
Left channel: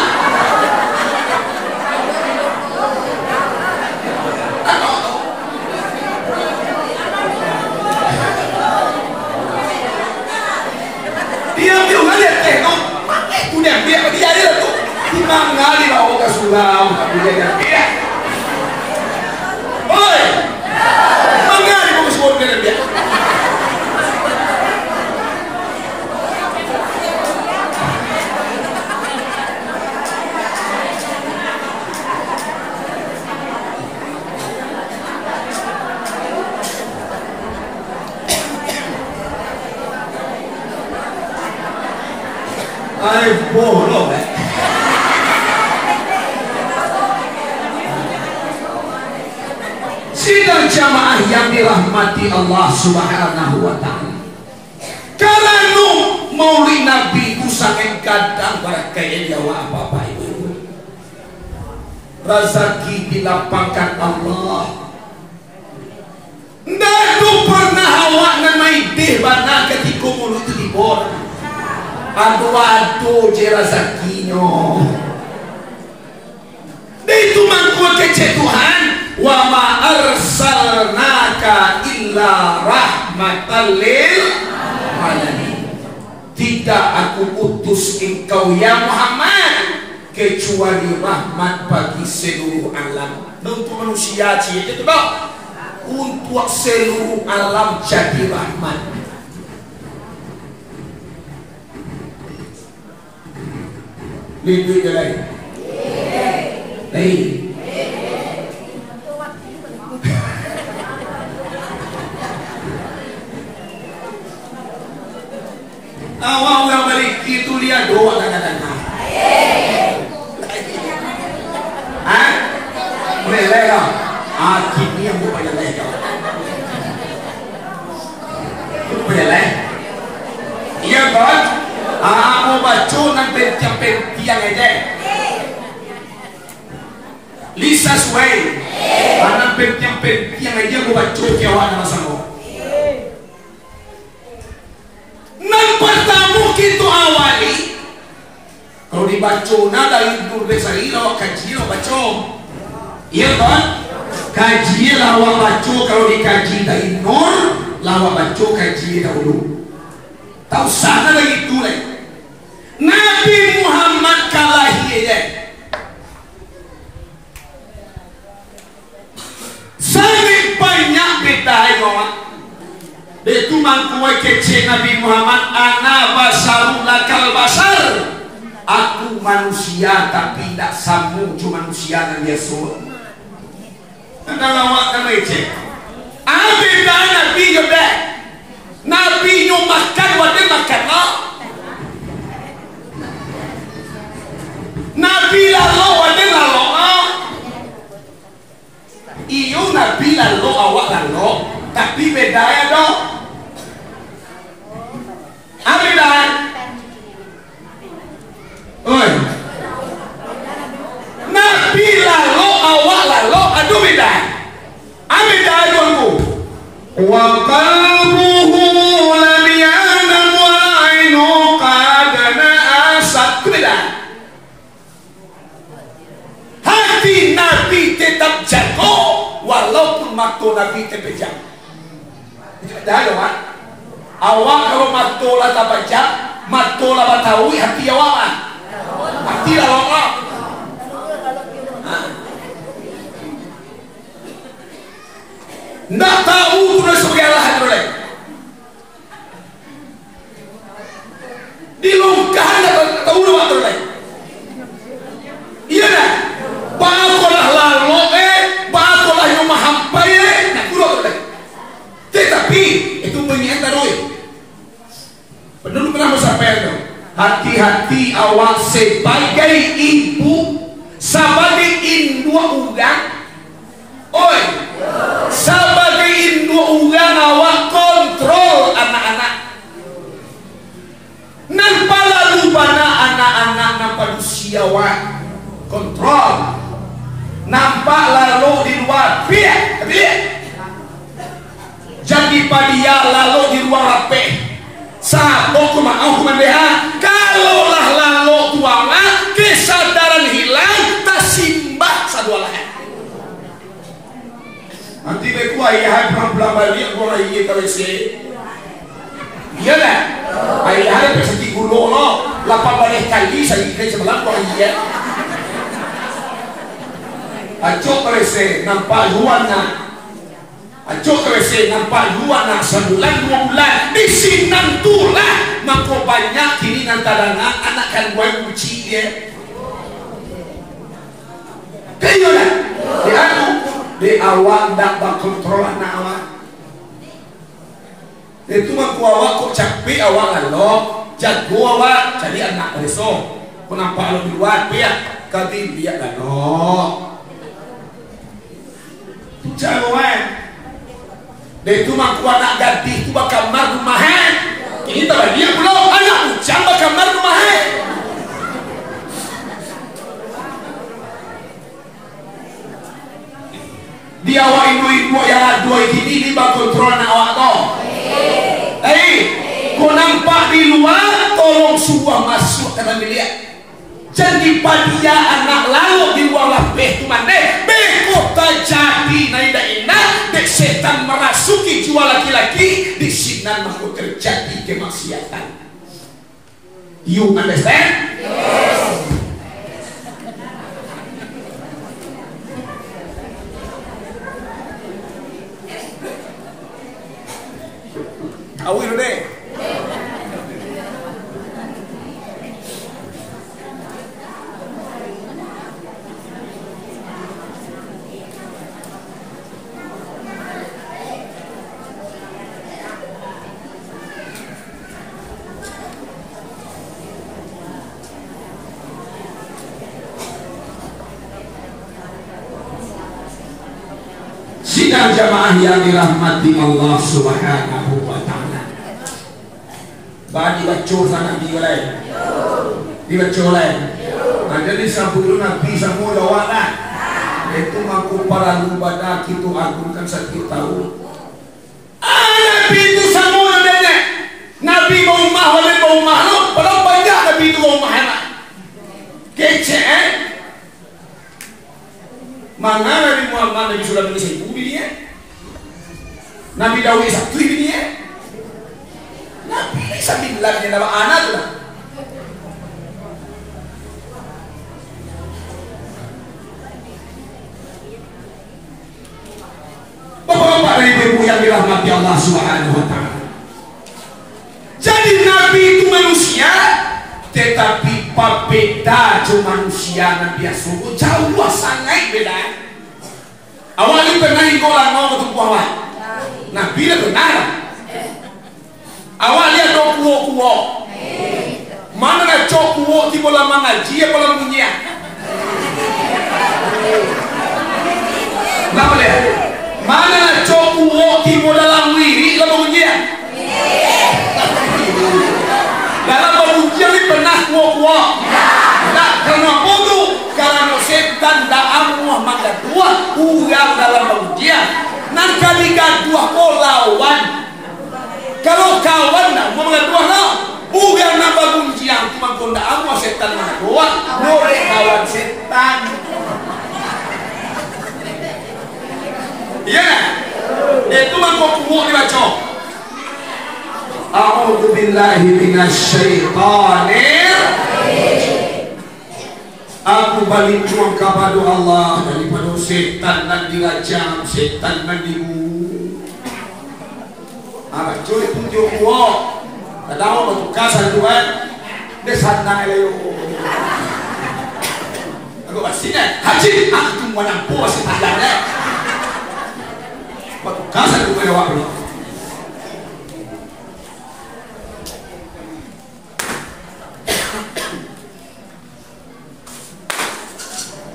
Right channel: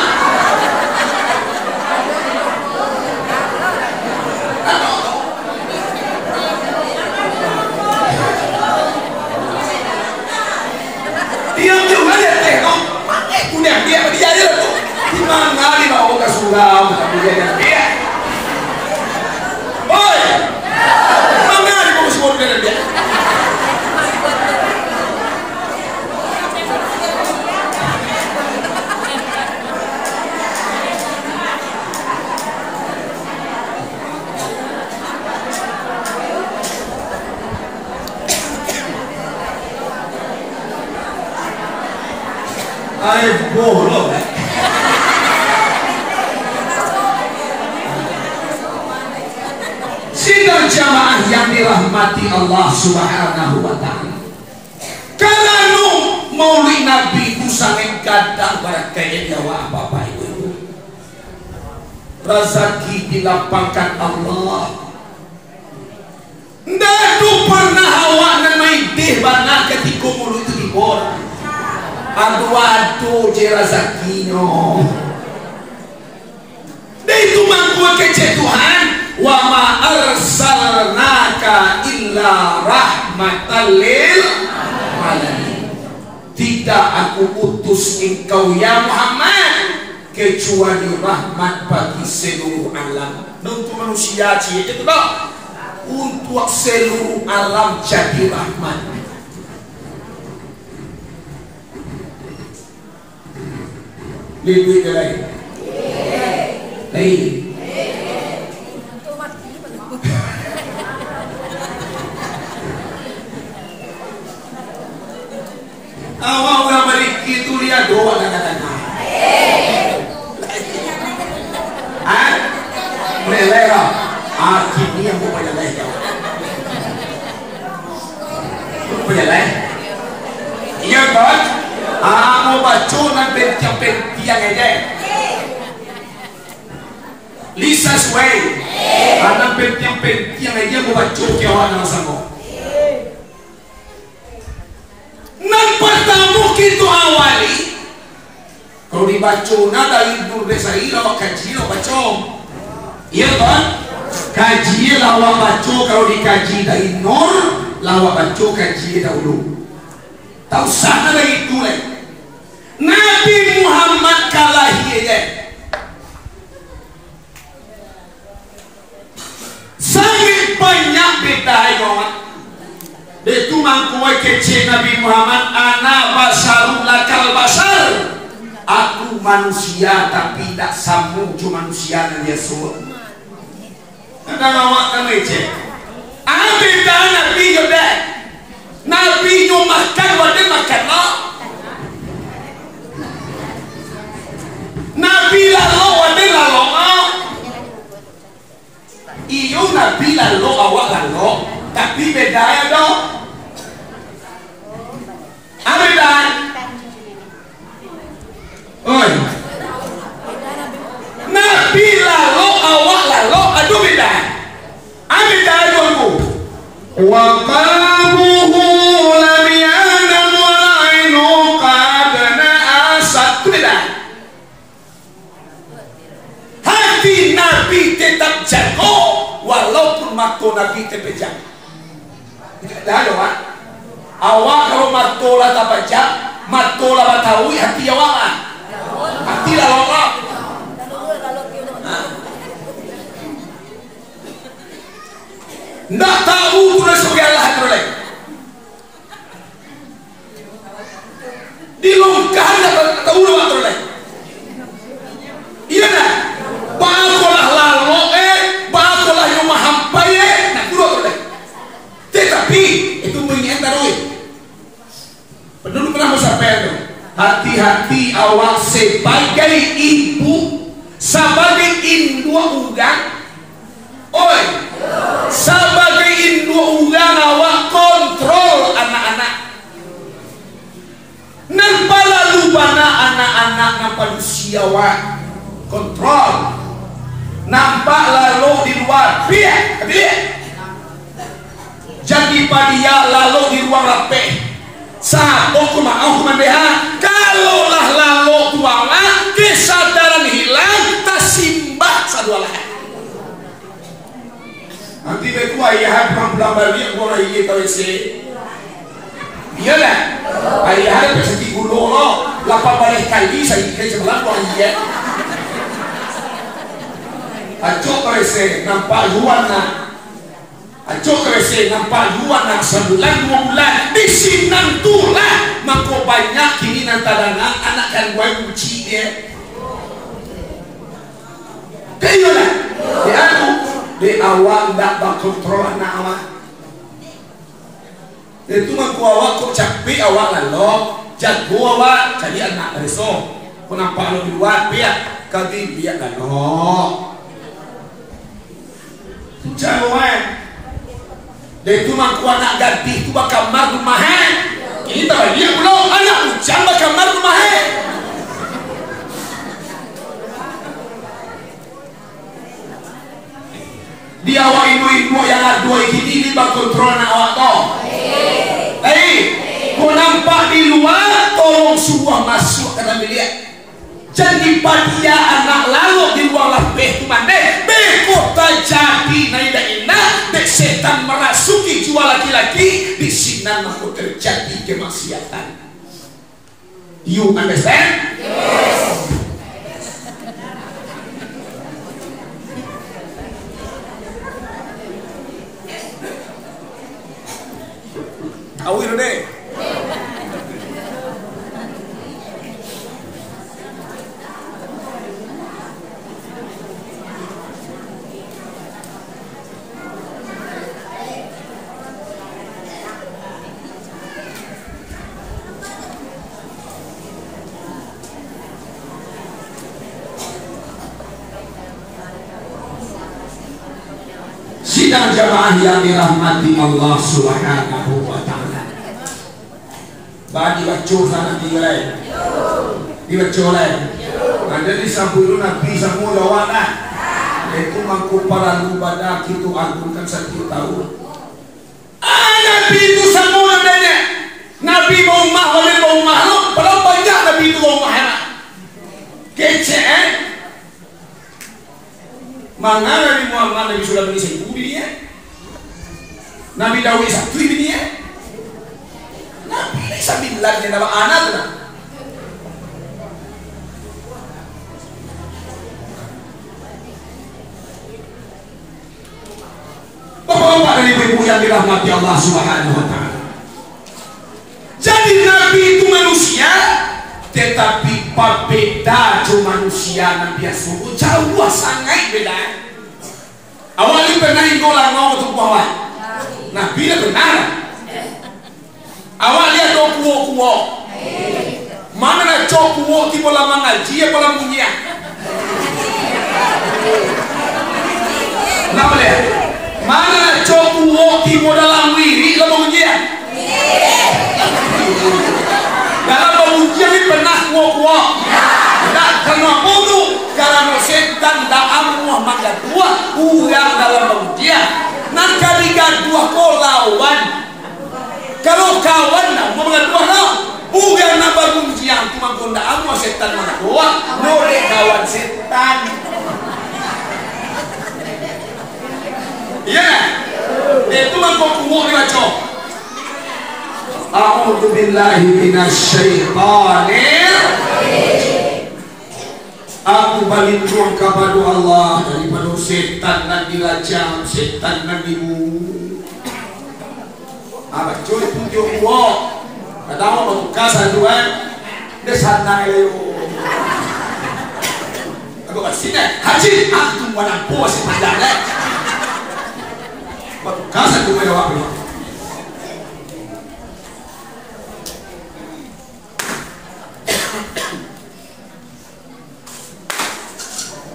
Dia juga dia tengok, mana itu dia dia tu. Di mana di bawah kasugao, tapi dia. Oi. Mangari ko suot ka na biya. Ay, bolo sidang jamaah yang dirahmati Allah Subhanahu wa ta'ala. Karena maulid Nabi itu sangat kadang para kaya nyawa apa-apa itu. Rezeki dilapangkan Allah. Nggak itu pernah awak main deh mana ketika mulut itu dibor. Adu-adu je rezekinya. Dia itu mangkuk kece Tuhan. Wa ma arsalnaka illa rahmatan lil alamin. Tidak aku utus engkau ya Muhammad kecuali rahmat bagi seluruh alam. Untuk manusia itu dok. Untuk seluruh alam jadi rahmat. Lebih lagi. Lagi. Awak orang balik itu dia doa kadang-kadang. Boleh lah. Ini yang boleh lah. Boleh lah. Iya kan? Mau baca nanti tiang aja. Lisa Sway. Anak tiang aja mau baca kawan nama sama. Nang pertama kita awali kalau dibaca dari Nur Desari lawak kaji lawak baca iya kan kaji lawak baca kalau dikaji dari Nur lawak baca kaji dahulu tahu sana dari itu Nabi Muhammad kalahnya sangat banyak beda kawan. Itu mangkuai kece Nabi Muhammad ana basarul lakal basar. Aku manusia tapi tidak sambung cuma manusia dan Yesus. Ada lawak kan kece. Abida Nabi juga. Nabi nyo makan wadah makan no. Nabi lalu wadah lalu no. Iyo Nabi lalu awak lalu. Tapi beda ya dong. Ada dah. Oi. lalu aduh beda. Ambil dah tuanku. Wa qalbuhu lam yanam wa ainu qadana asad beda. Hati Nabi tetap jago walaupun mata Nabi terpejam. Dah dong kan? Awak kalau mata lah tak pejam, mata lah batawi, hati awak kan? Hati lah lokal. Nak tahu tu dah sebagai Allah teroleh. Dilongkar nak tahu dah teroleh. Iya nak. Bakolah lalu bakolah yang mahampai nak kurang teroleh. Tetapi itu mengingat teroleh. Penduduk pernah bersampaian tu. Hati-hati awak sebagai ibu, sebagai induk udang. Oi, sebagai induk udang awak kontrol anak-anak. Nampak lalu bana anak-anak nampak usia awak kontrol. Nampak lalu di luar biar. Jadi padia lalu di luar rapeh. Sabo ku mau kumandeha kalaulah lalu tuanga kesadaran hilang tasimbah sadualah. Nanti beku ayah pulang balik gua ayah KWC. Iya dah. Ayah ada persegi gulo lo, 8 balik kali saya ke sebelah gua ayah. Acok KWC nampak luar nak. Acok KWC nampak luar nak sebulan 2 bulan di sinan tu lah mako banyak kini nantarangan anak kan gue uci dia kayo lah di aku di awal tak berkontrol anak awak itu mako awak kok capek awak lalu jago awak jadi anak reso kau nampak lo di luar biar kali dia lah no tu cawai. Dan itu mangku anak gadis itu bakal kamar rumahan. Ini tak dia belum anak ujang bakal kamar rumahan. Dia awak ibu-ibu yang ada ini dia bakal kontrol anak awak tu. Kau nampak di luar, tolong suruh masuk ke dalam bilik. Jadi padia anak lalu di luar lapeh tu mandai bekota jadi naida enak dek setan merasuki jiwa laki-laki di sinan mahu terjadi kemaksiatan. You understand? Yes. Awil deh. Sidang jamaah yang dirahmati Allah Subhanahu wa ta'ala. Bagi baca sana diulai. Dibaca oleh. Ada di sampul Nabi semua lawan. Itu mangku para ibadah kita agungkan satu tahu. Nabi itu semua adanya. Nabi mau umah wala mau umah lo, padahal banyak Nabi itu mau umah enak. Kece Mana Nabi Muhammad Nabi sudah beri seribu dia. Nabi Dawud satu dia. Nabi Isa bilang dia nama anak tu lah. Bapak-bapak dan ibu-ibu yang dirahmati Allah Subhanahu wa ta'ala. Jadi Nabi itu manusia, tetapi berbeda jo manusia Nabi Yusuf jauh sangat beda. Awalnya pernah ikolah mau ketemu awal. Nabi dah benar. Awal dia do kuo. Mana nak cok kuo tiba lama ngaji apa lama dunia. Kenapa dia? Mana nak cok kuo tiba dalam wiri lama dunia. Dalam pengujian ini pernah kuat. Tak karena bodoh, karena setan setan da amuah mangga dua urang dalam pengujian nan kali gaduah ko lawan kalau kawan na mangga dua na urang na pengujian cuma konda amuah setan mangga dua boleh kawan setan iya itu mangko kumu dibaca a'udzu billahi minasyaitonir aku balik tuang kepada Allah daripada setan dan dirajam setan dan dibunuh apa curi tunjuk gua ada apa batu kasar tuan desana eleo aku masihnya haji aku tunggu nampu masih panjangnya batu kasar tuan apa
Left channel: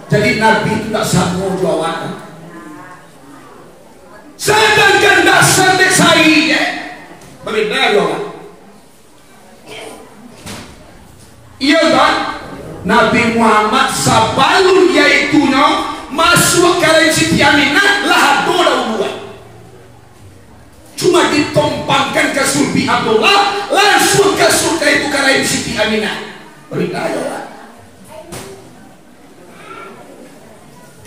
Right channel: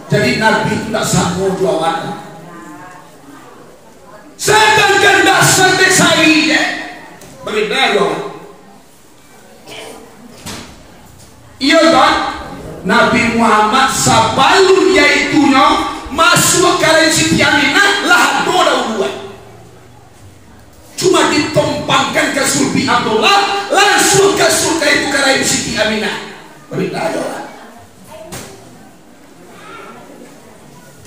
jadi Nabi itu tak sanggup jawab. Sedangkan dasar saya berbeda jawab. Iya kan? Nabi Muhammad sabalun yaitunya masuk ke Siti Aminah lah doa dua. Cuma ditompangkan ke sulbi Abdullah langsung ke surga itu ke Siti Aminah. Berbeda jawab.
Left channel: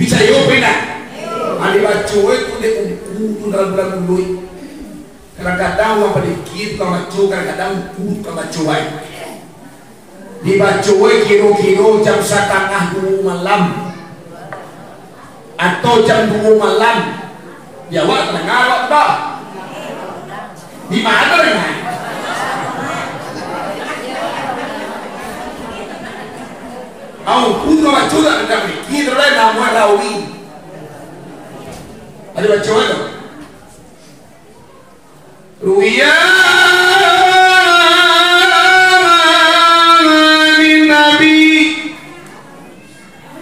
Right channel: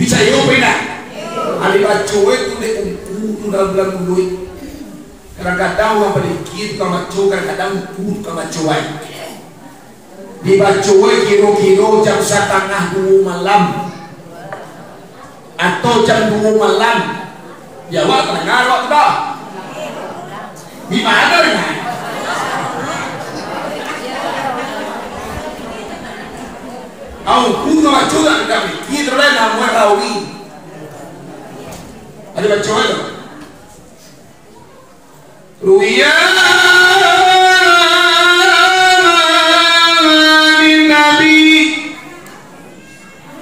Bisa yo pena. Ali bacoe tu de umpu dalam bulan mulut. Kadang-kadang orang pada kiri tukang bacoe, kadang-kadang umpu tukang bacoe. Di bacoe kiro-kiro jam 1:30 malam atau jam 2 malam. Ya wak tengah wak dah. Di mana kan? Au kudu baca tak kami. Kita dah nama rawi. Ada baca tu. Ruya Nabi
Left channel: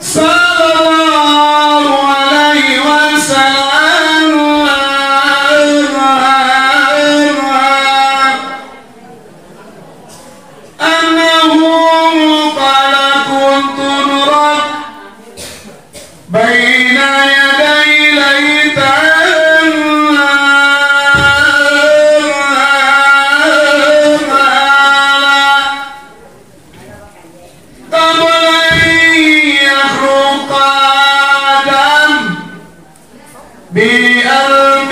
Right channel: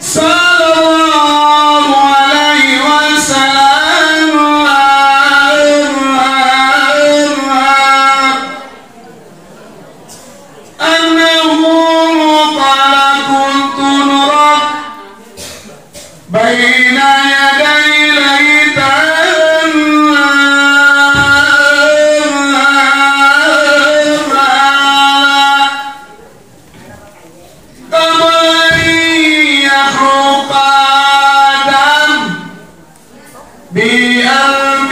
sallallahu alaihi wasallam بين يدي ليتان قبل أن يخلق آدم بألف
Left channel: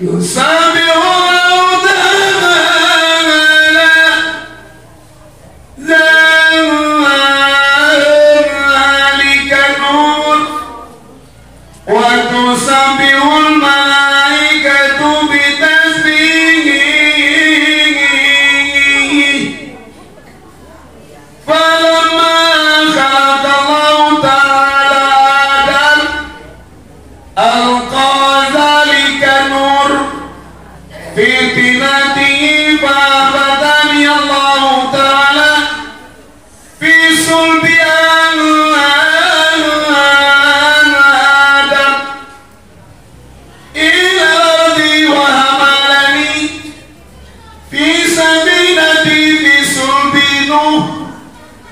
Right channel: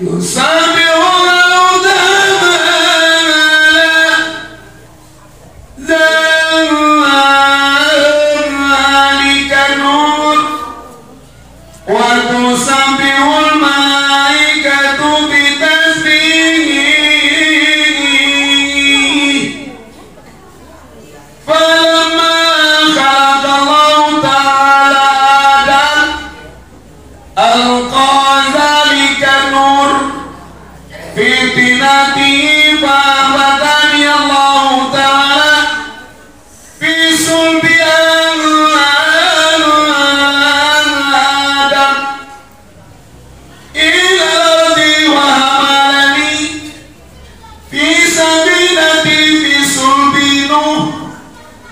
يسبح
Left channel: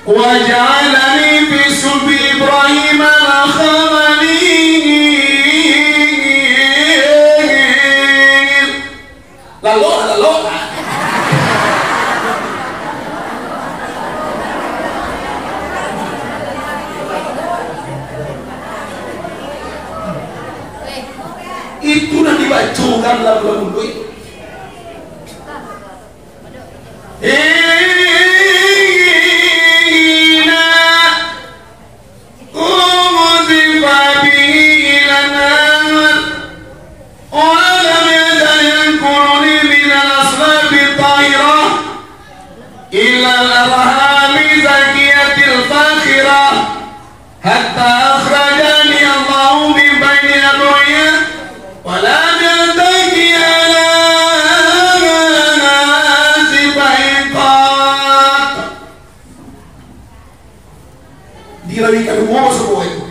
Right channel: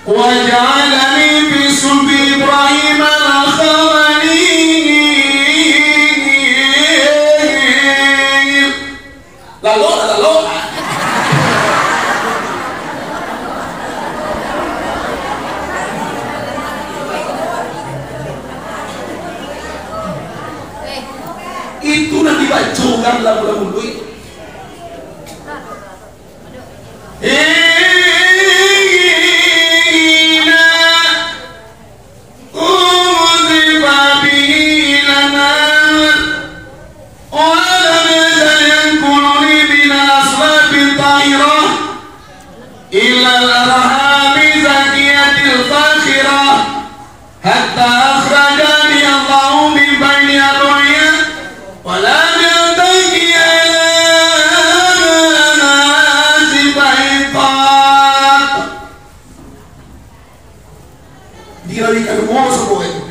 وجعلني في صلب إبراهيم الخليل lalu itu nanti dibacakan lagu-lagu duit hatta akhrajani Allah min bayni adhiya wa la yantaqi ala nasi baiqat dirawikan mo semua itu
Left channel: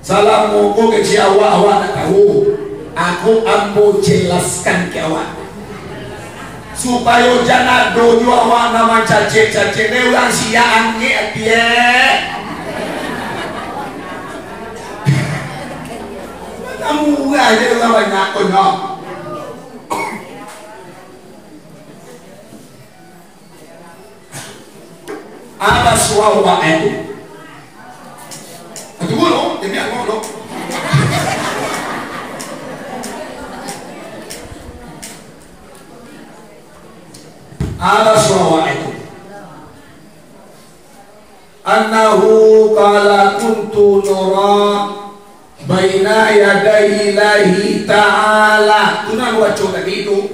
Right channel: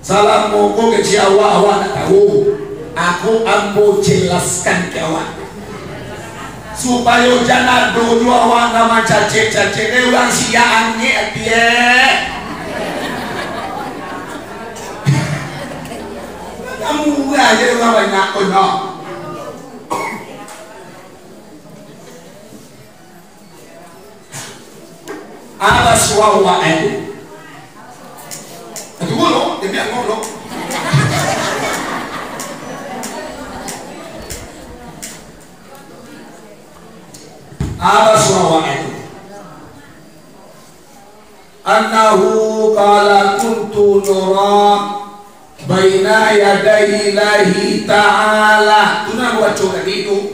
salam monggo ke Jawa awak tak tahu Aku ambo jelaskan ke awak supaya jangan dulu awak nama cacik-cacik orang siang ni dia. Kamu aja orang banyak punya. Apa suara itu? Aduh lo, demi aku lo. Apa suara itu? Annahu qala kuntu nuran baina yaday Ilahi ta'ala. Itu nak buat coba gitu.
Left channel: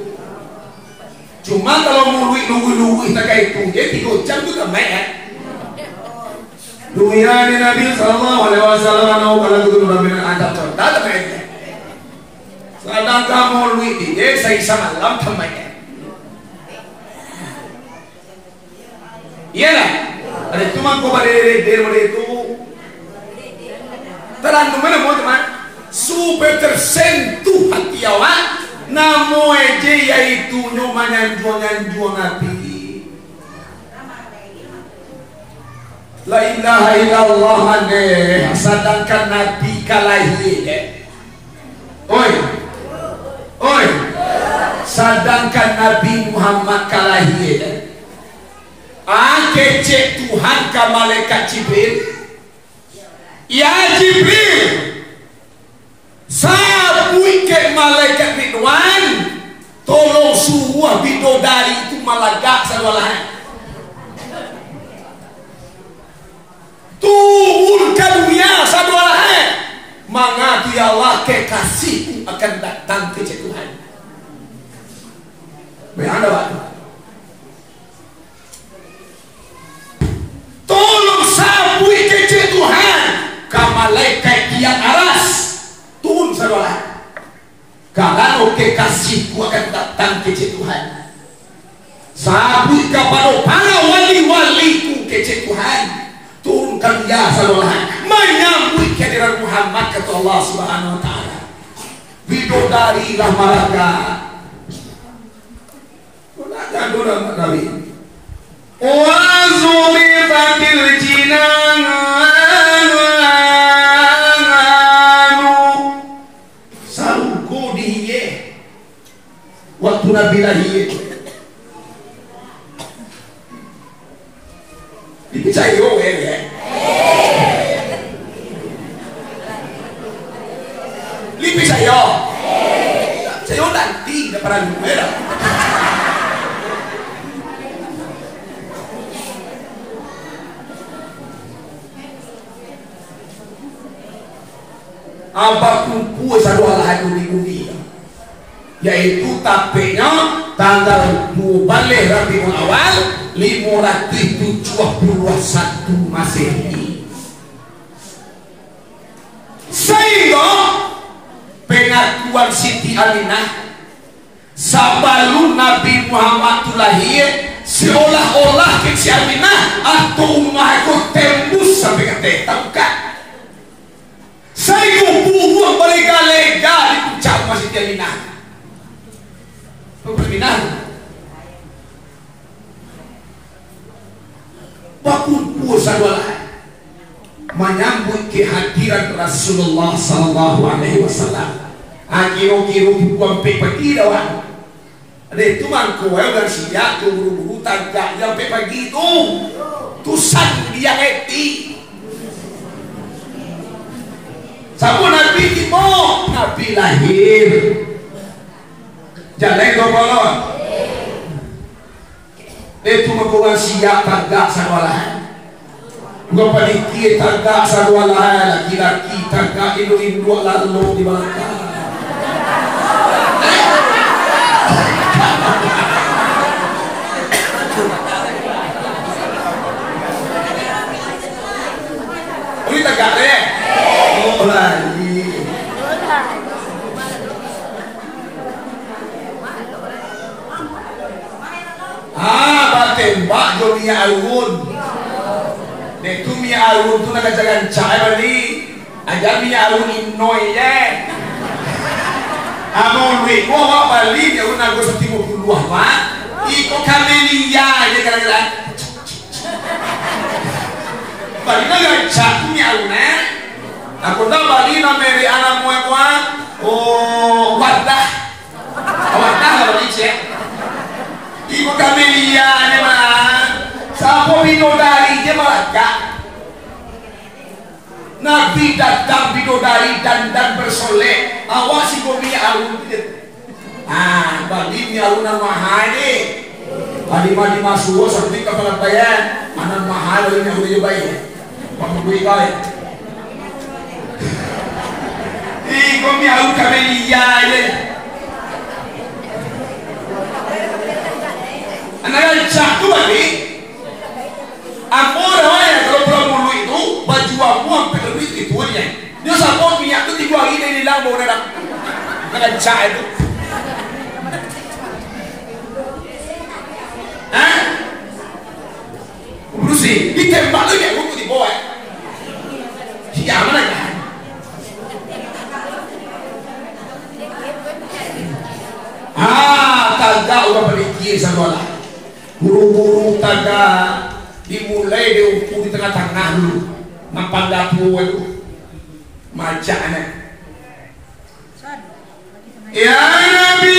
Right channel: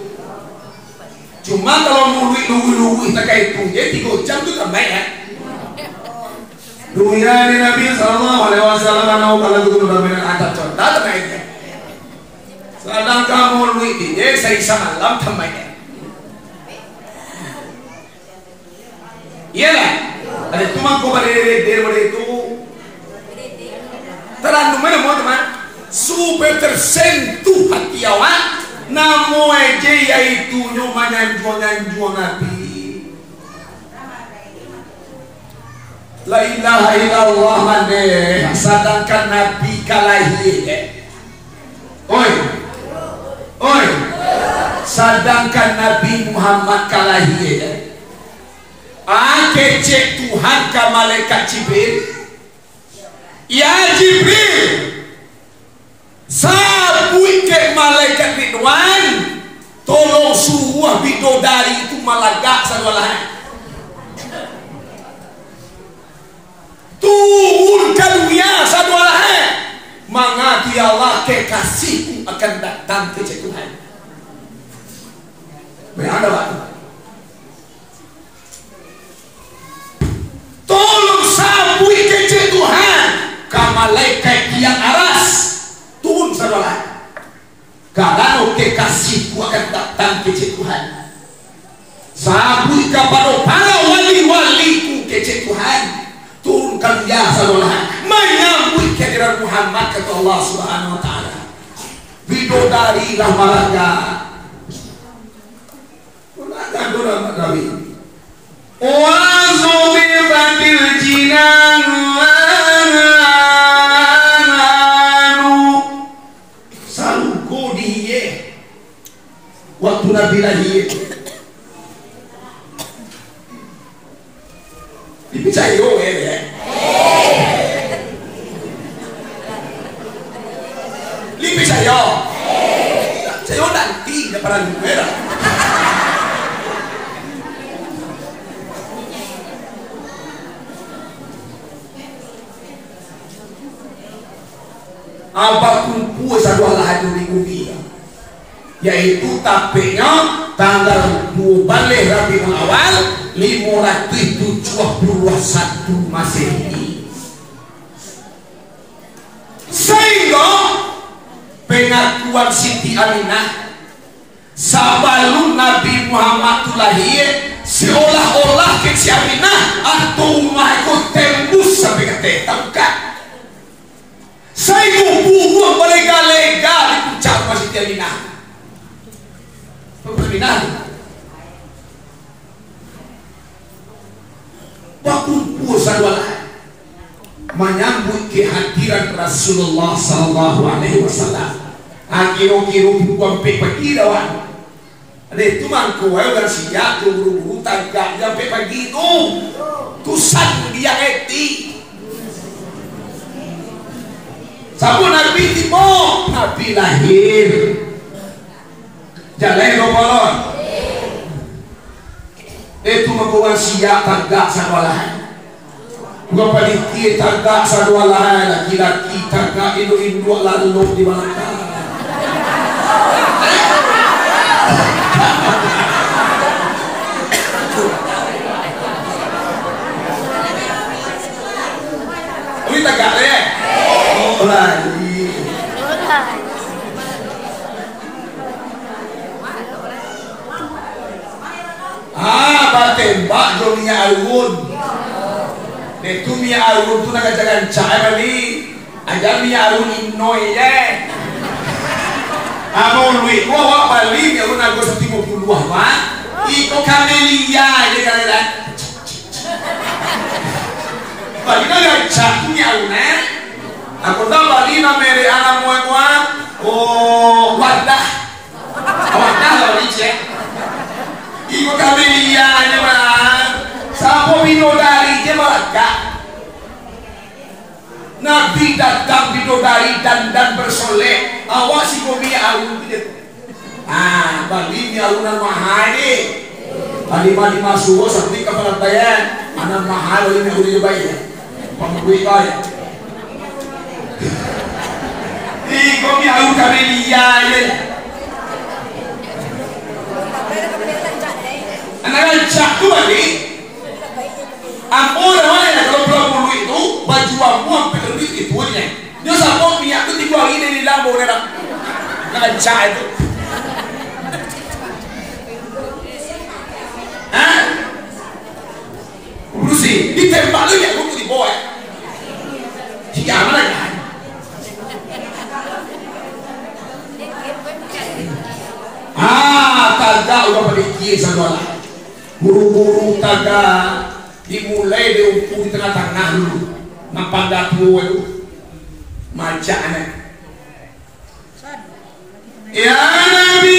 Cuma kalau mau nunggu tak kayak itu, dia 3 jam tu tak main. Dunia ni Nabi sallallahu alaihi wasallam kalau tu Nabi ada contoh tak main. Sedang kamu nunggu dia saya sama malam tak main. Iyalah, ada cuma kau pada itu terlalu mana mau teman super tersentuh hati awak. Namo aja yaitu nyoba nyanjuan Nabi. La ilaha illallah ane sedangkan Nabi kalahi. Oi, sedangkan Nabi Muhammad kalahi. Kecek Tuhan ke malaikat Jibril. Ya Jibril, sabui ke malaikat Ridwan, tolong suruh bidodari itu malagak sadwalahan. Turun ke dunia sadwalahan. Mangati Allah kekasihku akan datang ke Tuhan. Berada waktu. Tolong sabui kecil Tuhan ke malaikat yang aras turun saudara. Kalau kekasihku akan datang kecil Tuhan. Sabui kepada para wali-waliku kecil Tuhan turunkan ya saudara. Menyambut kehadiran Muhammad kata Allah Subhanahu Wa Taala. Bidodari lah malaika. Dora Nabi. Wazurifatil jinanu salku diye waktu Nabi lahir dipicayo ya lipicayo saya nanti nggak pernah numera. Apapun puas adalah lahan di bumi, yaitu tapenya tanggal 2 Rabiul Awal 571 Masehi. Sehingga pengakuan Siti Aminah sabalun Nabi Muhammad lahir seolah-olah ke si Aminah atau umah itu tembus sampai ke tangkap. Saya buang lega-lega di puncak Masjid Aminah. Permintaan. Bakun puasa wala. Menyambut kehadiran Rasulullah sallallahu alaihi wasallam. Kiro-kiro buang pagi dawan. Ada itu mangko orang siap buru-buru tagak sampai pagi itu. Tusan dia ngerti. Sabu Nabi timo, Nabi lahir. Jalan dobolon. Itu membawa siap tagak sadwalahan. Bukan padiki tagak sadwalahan, laki-laki tagak indo-indo lalu di belakang. Ini tagak deh. Oh lagi. Batembak dunia alun. Netu mia alun tu nak jalan cai bali. Ajar mia alun inoi ye. Amo lui gua balik ya gua nago 50 wa. Iko kamelia ile kan. Balik na chatnya una. Aku dah balik na mere ana moe oh wadah. Wadah lah balik. Iko kamelia ni mana? Sapo bidodari je malaga. Nabi datang bidodari dan bersolek. Awasi komi alun gitu. Bagi ni alunan mahal ni. Lima suwo seperti kepala bayan. Anak mahal ini aku juga bayar. Pemugui kau. Ni komi alun kami lihat je. Anak cak tu lagi. Ampun orang kalau pulau itu baju aku sampai lebih itu aja. Dia sampai minyak tu tiga ini di lampu nak cak itu. Berusi ditembak lagi aku di bawah. Siapa mana ya? Taga udah pada dia saudara. Buru-buru taga dimulai diukur di tengah-tengah dulu. Nampak dapur itu macamnya. Ya Nabi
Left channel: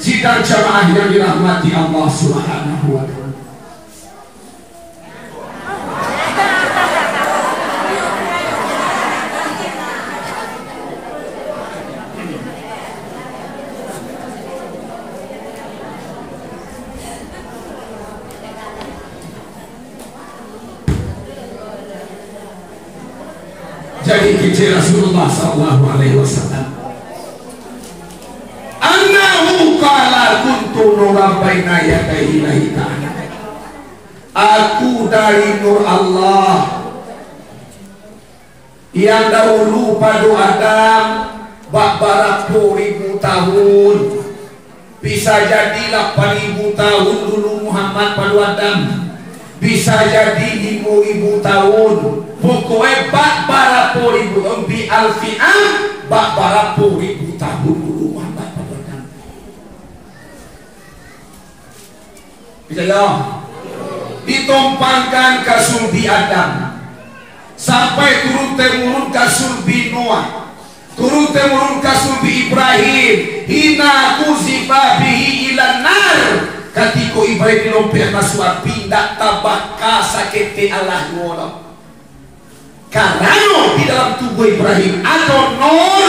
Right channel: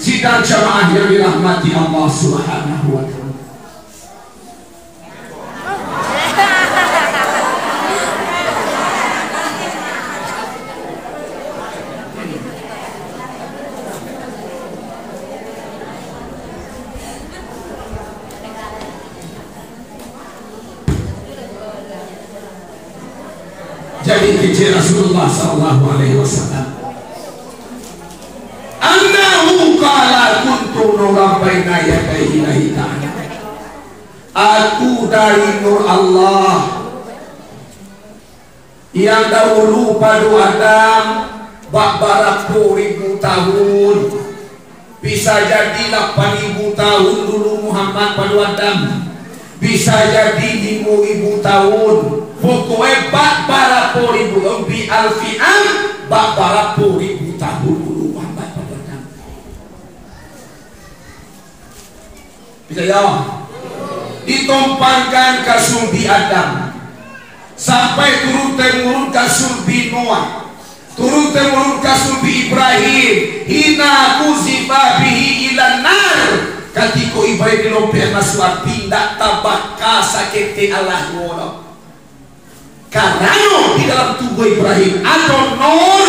sidang jamaah yang dirahmati Allah Subhanahu wa ta'ala. Jadi kecil Rasulullah sallallahu alaihi wasallam annahu qala kuntu nuran baina yadayhi lahi ta'ala. Aku dari nur Allah yang dahulu pada Adam bak 40.000 tahun, bisa jadi 8.000 tahun dulu Muhammad pada Adam, bisa jadi 5.000 tahun, pokoknya bak 40.000 tahun bi alfi'an bak 40.000 tahun dulu Muhammad pada Adam. Bisa ya? Ditumpangkan ke sulbi Adam sampai turun temurun ke sulbi Noah, turun temurun ke sulbi Ibrahim, hina kuzifa bihi ilan nar. Ketika Ibrahim dilompat masuk api, tidak tabaka sakiti Allah wala. Karena di dalam tubuh Ibrahim ada nur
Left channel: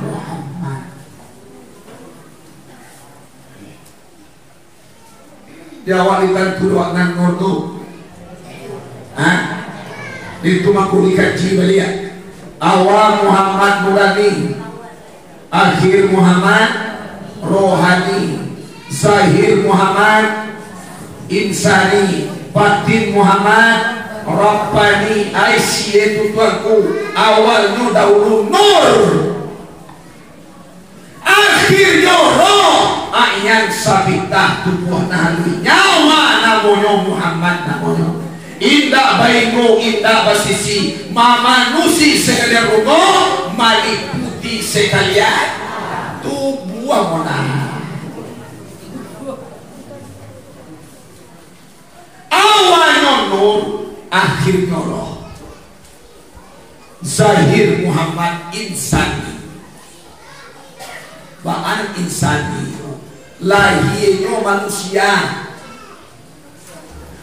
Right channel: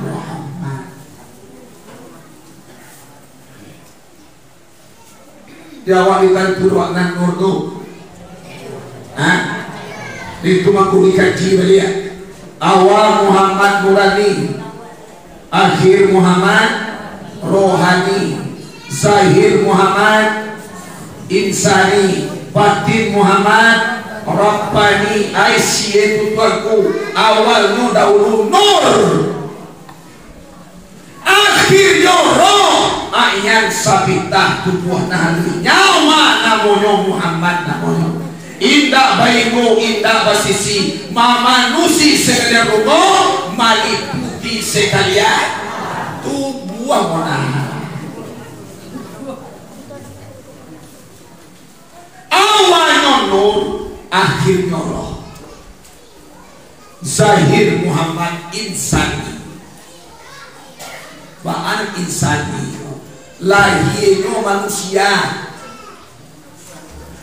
Muhammad. Dia awak ikan turun nan nur tu. Itu makhluk kaji beliau. Awal Muhammad Nurani, akhir Muhammad Rohani, zahir Muhammad Insani, batin Muhammad Rabbani. Aisyah itu tuanku, awalnya dahulu nur, akhirnya roh. Yang sabitah tubuh nahli nyawa namanya Muhammad namanya. Indah baikmu, indah basisi, mamanusi sekalian rogo, maliputi sekalian tubuh mana. Awalnya nur, akhirnya roh. Zahir Muhammad insani, baan insani, lahirnya manusia.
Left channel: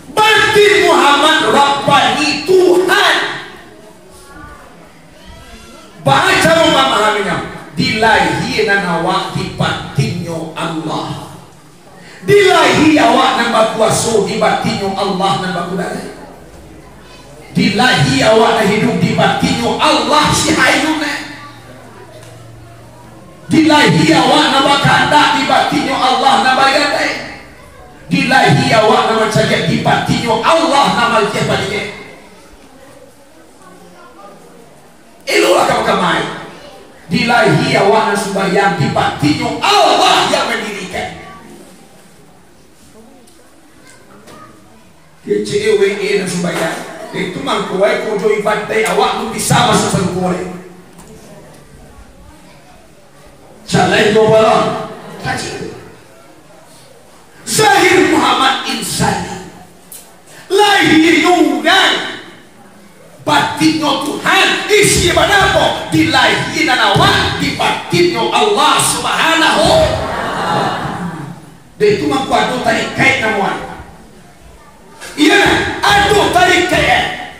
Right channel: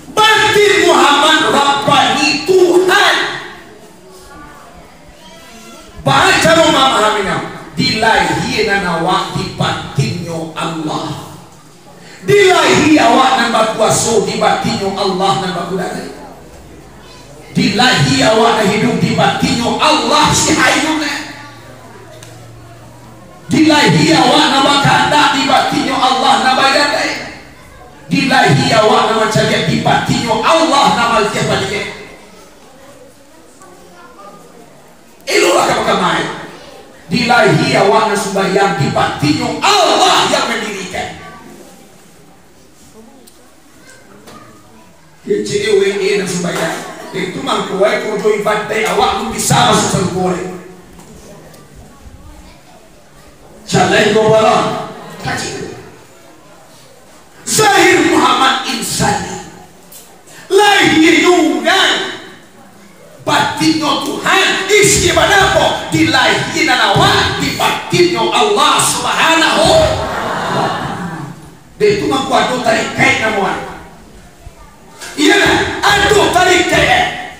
Batin Muhammad Rabbani Tuhan. Baca memahaminya. Dilahirkan awak di batinnya Allah. Dilahi awak nambah kuasa di batinnya Allah nambah kudari. Dilahi awak hidup di batinnya Allah si hayune. Dilahi awak nambah kandak di batinnya Allah nambah gadai. Dilahi awak nama cakap di batinyo Allah nama siapa dia. Itulah kamu kemai. Dilahi awak nama sembahyang di batinyo Allah yang mendirikan. Kecewe nama sembahyang. Itu mangkuai kodo ibadah awak lu bisa masuk sangkore. Jalai gobalon. Kaji. Zahir Muhammad insani, lahirnya batinnya Tuhan. Isi mana apa? Dilahirkan awak di batinnya Allah Subhanahu. Itu mampu aduh tarik kait namuan. Iya, aduh tarik kait,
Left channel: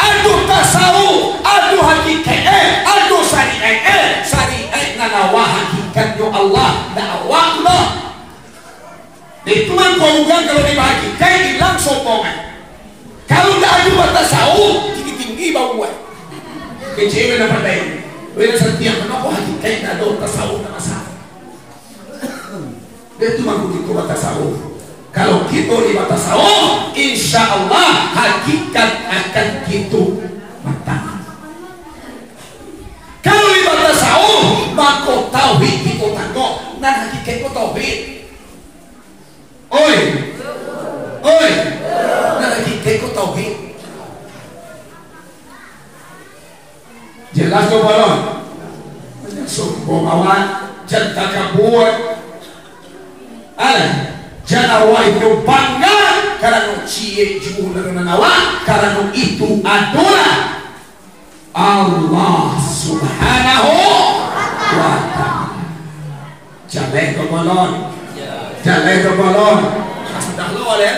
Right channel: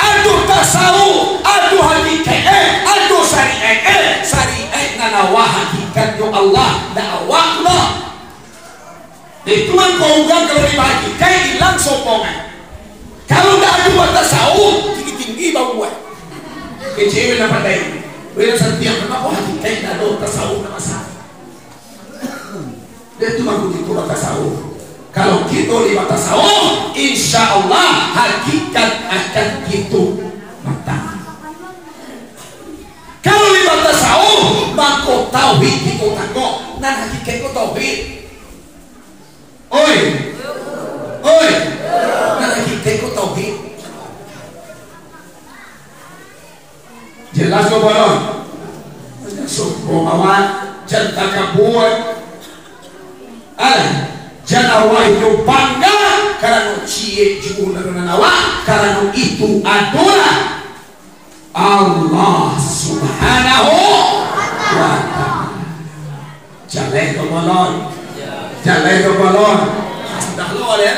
aduh tasawuf, aduh hakikat, aduh syariat nanawa hakikat yo Allah dakwah lah. Itu kan kau ugang kalau dibagi, kayak hilang sokongan. Kalau tidak ada buat tasawuf, tinggi-tinggi bau buat. Kecewa dapat dari. Beda setiap kenapa hati kayak tidak ada tasawuf nama sah. Dia itu mampu itu buat tasawuf. Kalau kita lewat tasawuf, insya Allah hakikat akan gitu matang. Kalau lewat tasawuf, maka tauhid kita tanggung. Nah hakikat itu tauhid. Oi, nah kita ikut tauhid. Jelas tu balon. Sombong awak, jangan takabur. Alah, jangan awak itu bangga karena cie jiwa dengan awak, karena itu adalah Allah Subhanahu wa Ta'ala. Jangan kau balon. Jangan itu balon. Sudah keluar ya.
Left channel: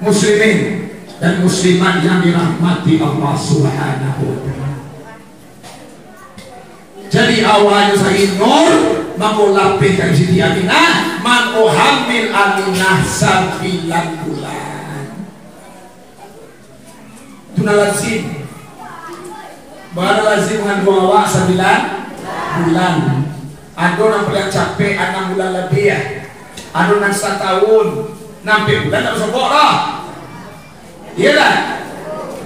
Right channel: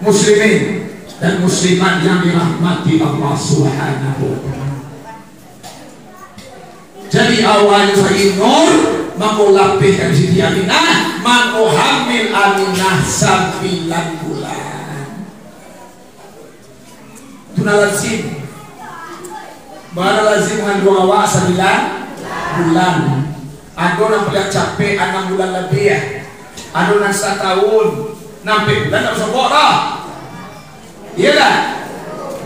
Muslimin dan muslimat yang dirahmati Allah Subhanahu wa Ta'ala. Jadi awalnya saya nur mau lapihkan Siti Aminah, mau hamil Aminah 9 bulan. Tuna lazim. Baru lazim dengan dua awak 9 bulan. Ada yang paling capek 6 bulan lebih ya. Ada yang 1 tahun 6 bulan tak bisa buat dah. Iya dah.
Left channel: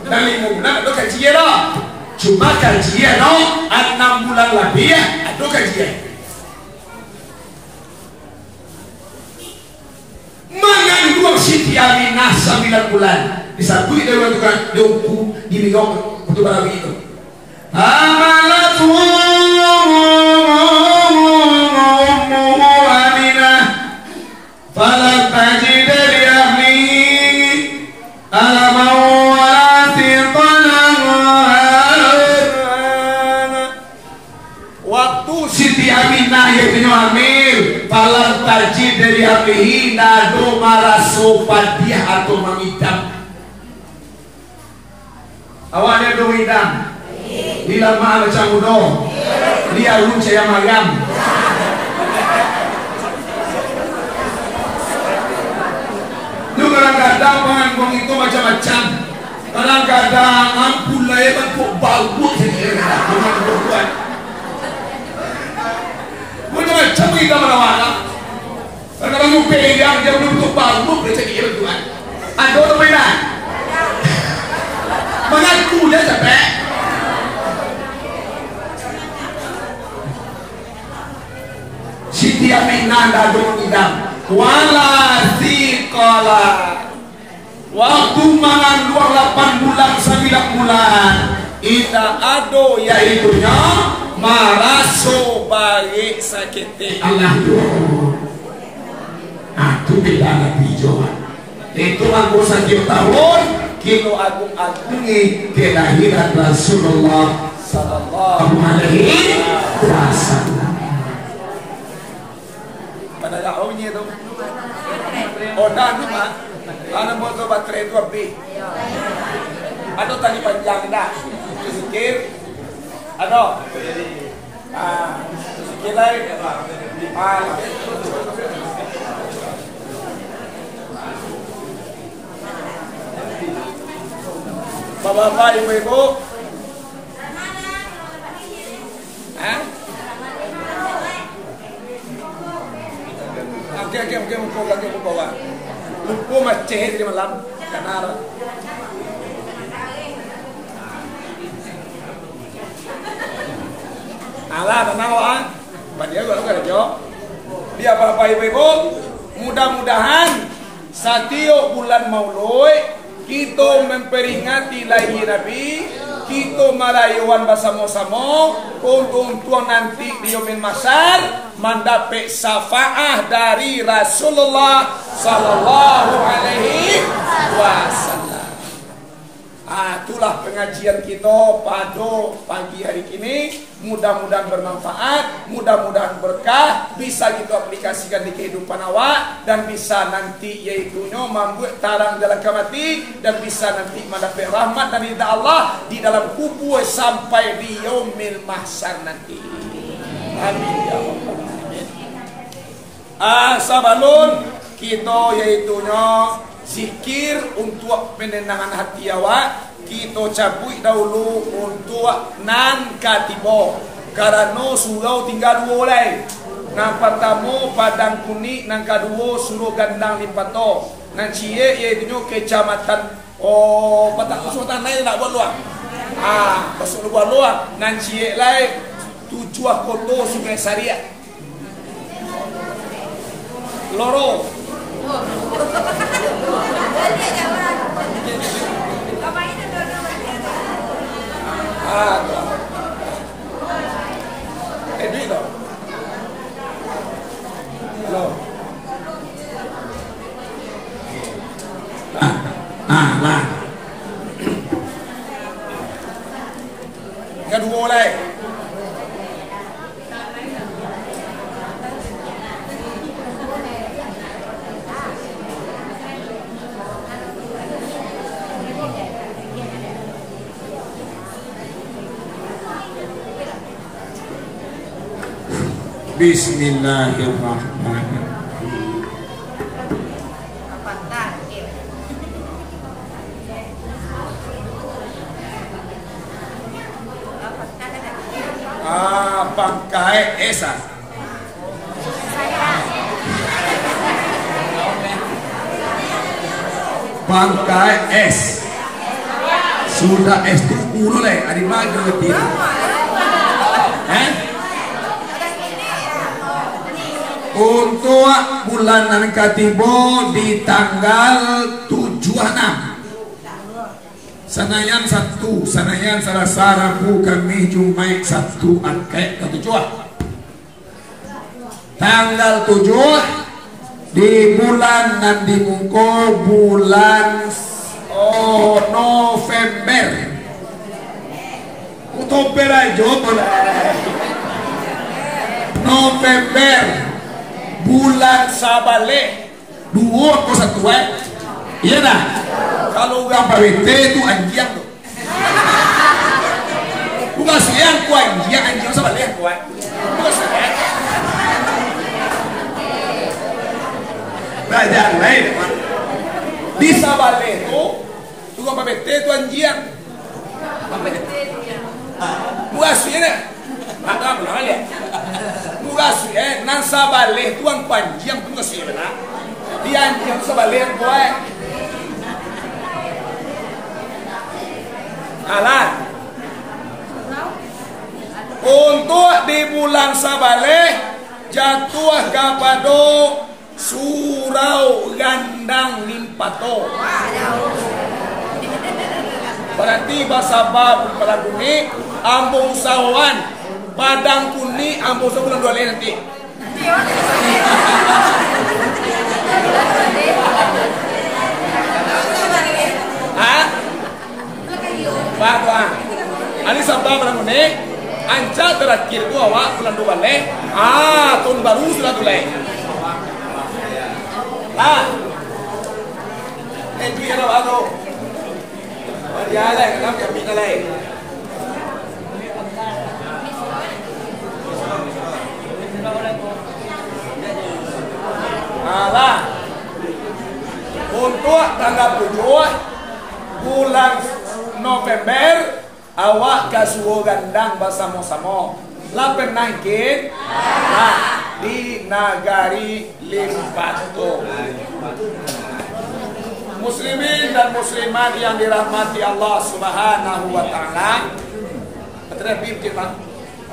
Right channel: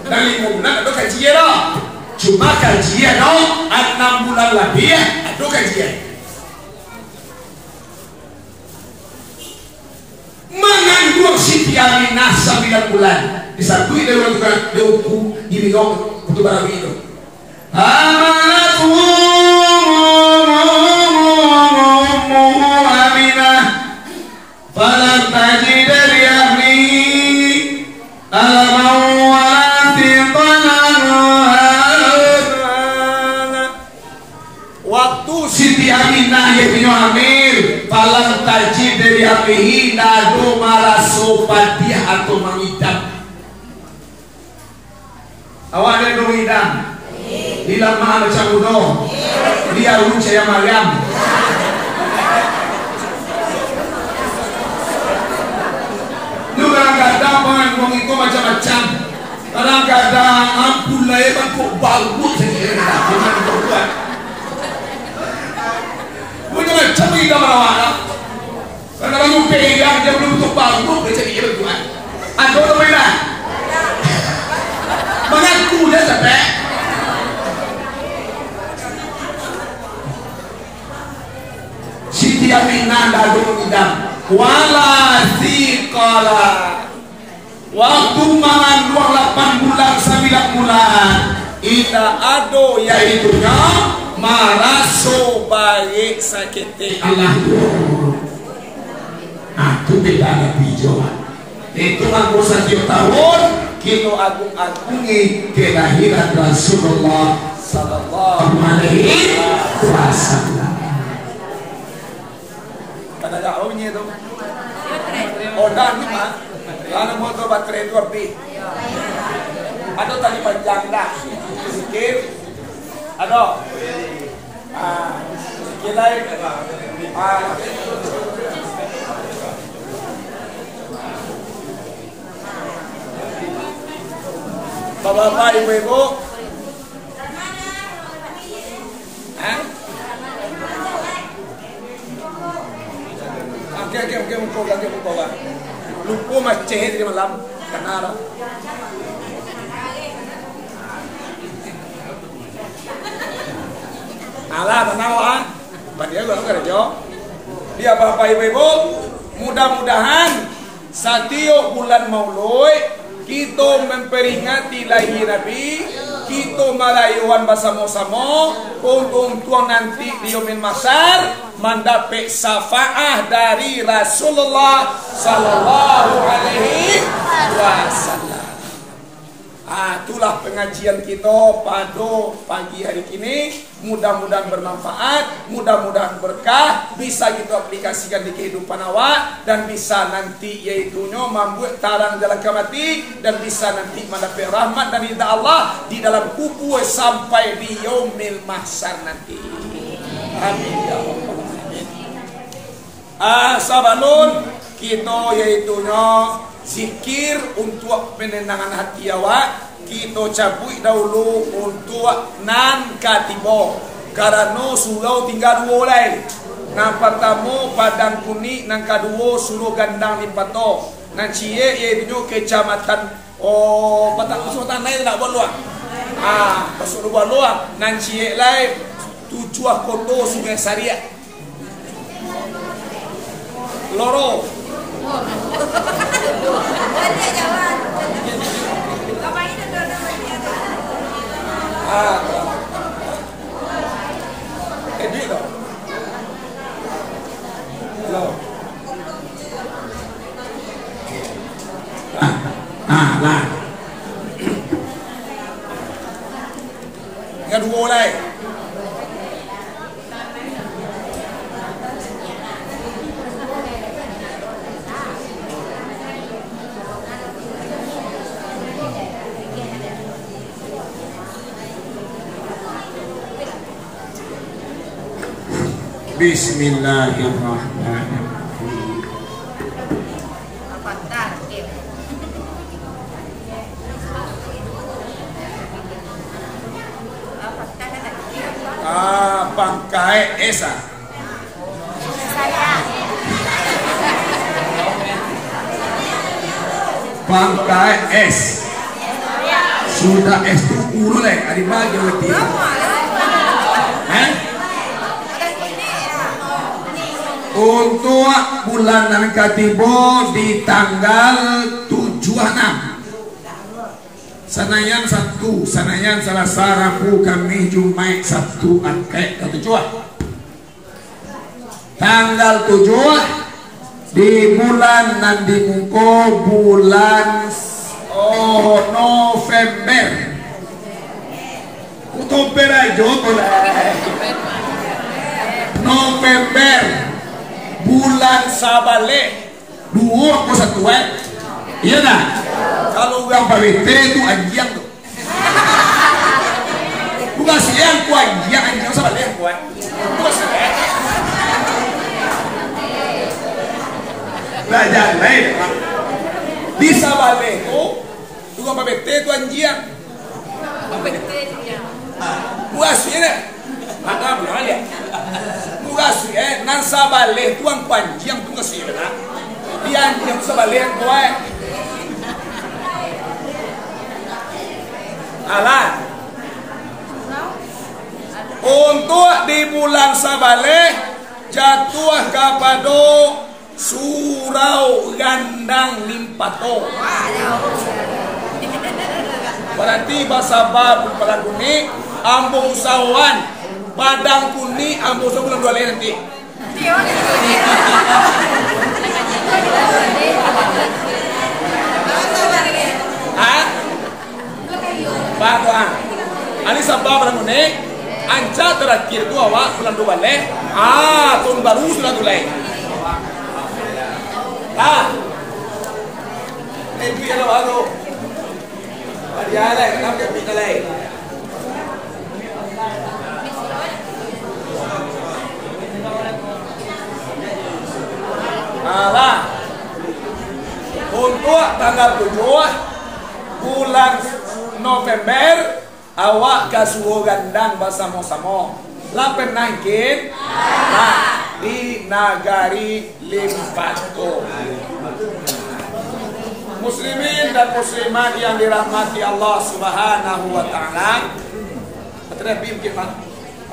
Dan 5 bulan ada kajian dah. Cuma kajian dah 6 bulan lebih ya. Ada kajian. Mengandung Siti Aminah 9 bulan. Disatui dia bukan diukur gini kau untuk barang itu. Amalatu Aminah falam tajid li ahlihi alaman wala tiqalan. Waktu Siti Aminah ibnu Amir falam tajid li ahlihi nado maraso padiah atau mengidam. Awaknya dong idam hilang mahal macam udo dia urut saya Maryam. Lu kadang-kadang pengangkong itu macam-macam. Kadang-kadang ampun lah ya kok bagus macam-macam kita merawat. Kadang-kadang lu pegang dia betul-betul bagus jadi berdua. Ada orang merah mengaku dia sampai Siti Aminah dadu mengidam wala thiqala. Waktu mangan 8 bulan 9 bulan ita ado yaitunya maraso bagi sakit Allah itu. Itu beda lagi Johan. Itu anggosan tahun kino agung-agungi kelahiran Rasulullah sallallahu alaihi wasallam. Pada daunnya tu, odan ni mah, kalau mau tu baterai tu api, ada tali panjang dah, sikit, ada, sikit lagi, Bapak-bapak, ibu-ibu, Oke, muka bang. Lupa macet di malam, karena alah tenang ah, banyak kalau kerja. Dia bapak ibu-ibu, mudah-mudahan setiap bulan Maulid kita memperingati lahir Nabi, kita merayuan bersama-sama untuk nanti di yaumil mahsyar mendapat syafaat dari Rasulullah sallallahu alaihi wasallam. Itulah pengajian kita pada pagi hari ini. Mudah-mudahan bermanfaat, mudah-mudahan berkah, bisa kita aplikasikan di kehidupan awak dan bisa nanti yaitunya membuat tarang jalan kemati dan bisa nanti mendapat rahmat dari Allah di dalam kubur sampai di yaumil mahsyar nanti. Amin ya rabbal alamin. Sabalun kita yaitunya zikir untuk penenangan hati awak. Kita cabut dahulu untuk nan katibo karena surau tinggal 2 oleh. Nan pertama padang kuning, nan kedua suruh gandang limpato. Nan cie iaitu kecamatan Patang Kesultanan lain tak buat luar. Pasal buat luar. Nan cie lain Tujuh Koto Sungai Sariak. Loro. Duit tau. Halo. Lah. Yang 2 lagi. Bismillahirrahmanirrahim. Bangkai Esa. Bangkai S. Sudah SD mulai ada maju lebih. Untuk bulanan katibo di tanggal 76 Sanayan Sabtu, Sanayan Selasa, Rabu, Kamis, Jumat, Sabtu, Angke, tanggal 7 di bulan nanti mungko bulan November. Oktober aja November bulan Sabale 2 iya nah. Kalau orang PBT itu anjing tuh. Bukan siang ku anjing Sabale ku. Bukan siang. Belajar lain. Di Sabale itu tukang PBT itu anjing. Bukan siang. Ada benar ya. Bukan siang. Nan Sabale itu ang panjang pun kasih benar. Di anjing Sabale yang kuat. Alah. Untuk di bulan Sabale jatuh kepada surau gandang limpato. Berarti bahasa bab pada kuni ambung sawan padang kuni ambung sebulan 2 leh nanti. Hah? Bahwa ani sabab pada kuni anca terakhir tu awak bulan 2 leh. Tahun baru sudah mulai. Itu yang baru. Dia ada yang nak kita lagi. Alah. Untuk tanggal 7 bulan November awak kasuo gandang bersama-sama. Lapen nangkin di Nagari Limpato. Muslimin dan muslimat yang dirahmati Allah Subhanahu wa taala. Terlebih kita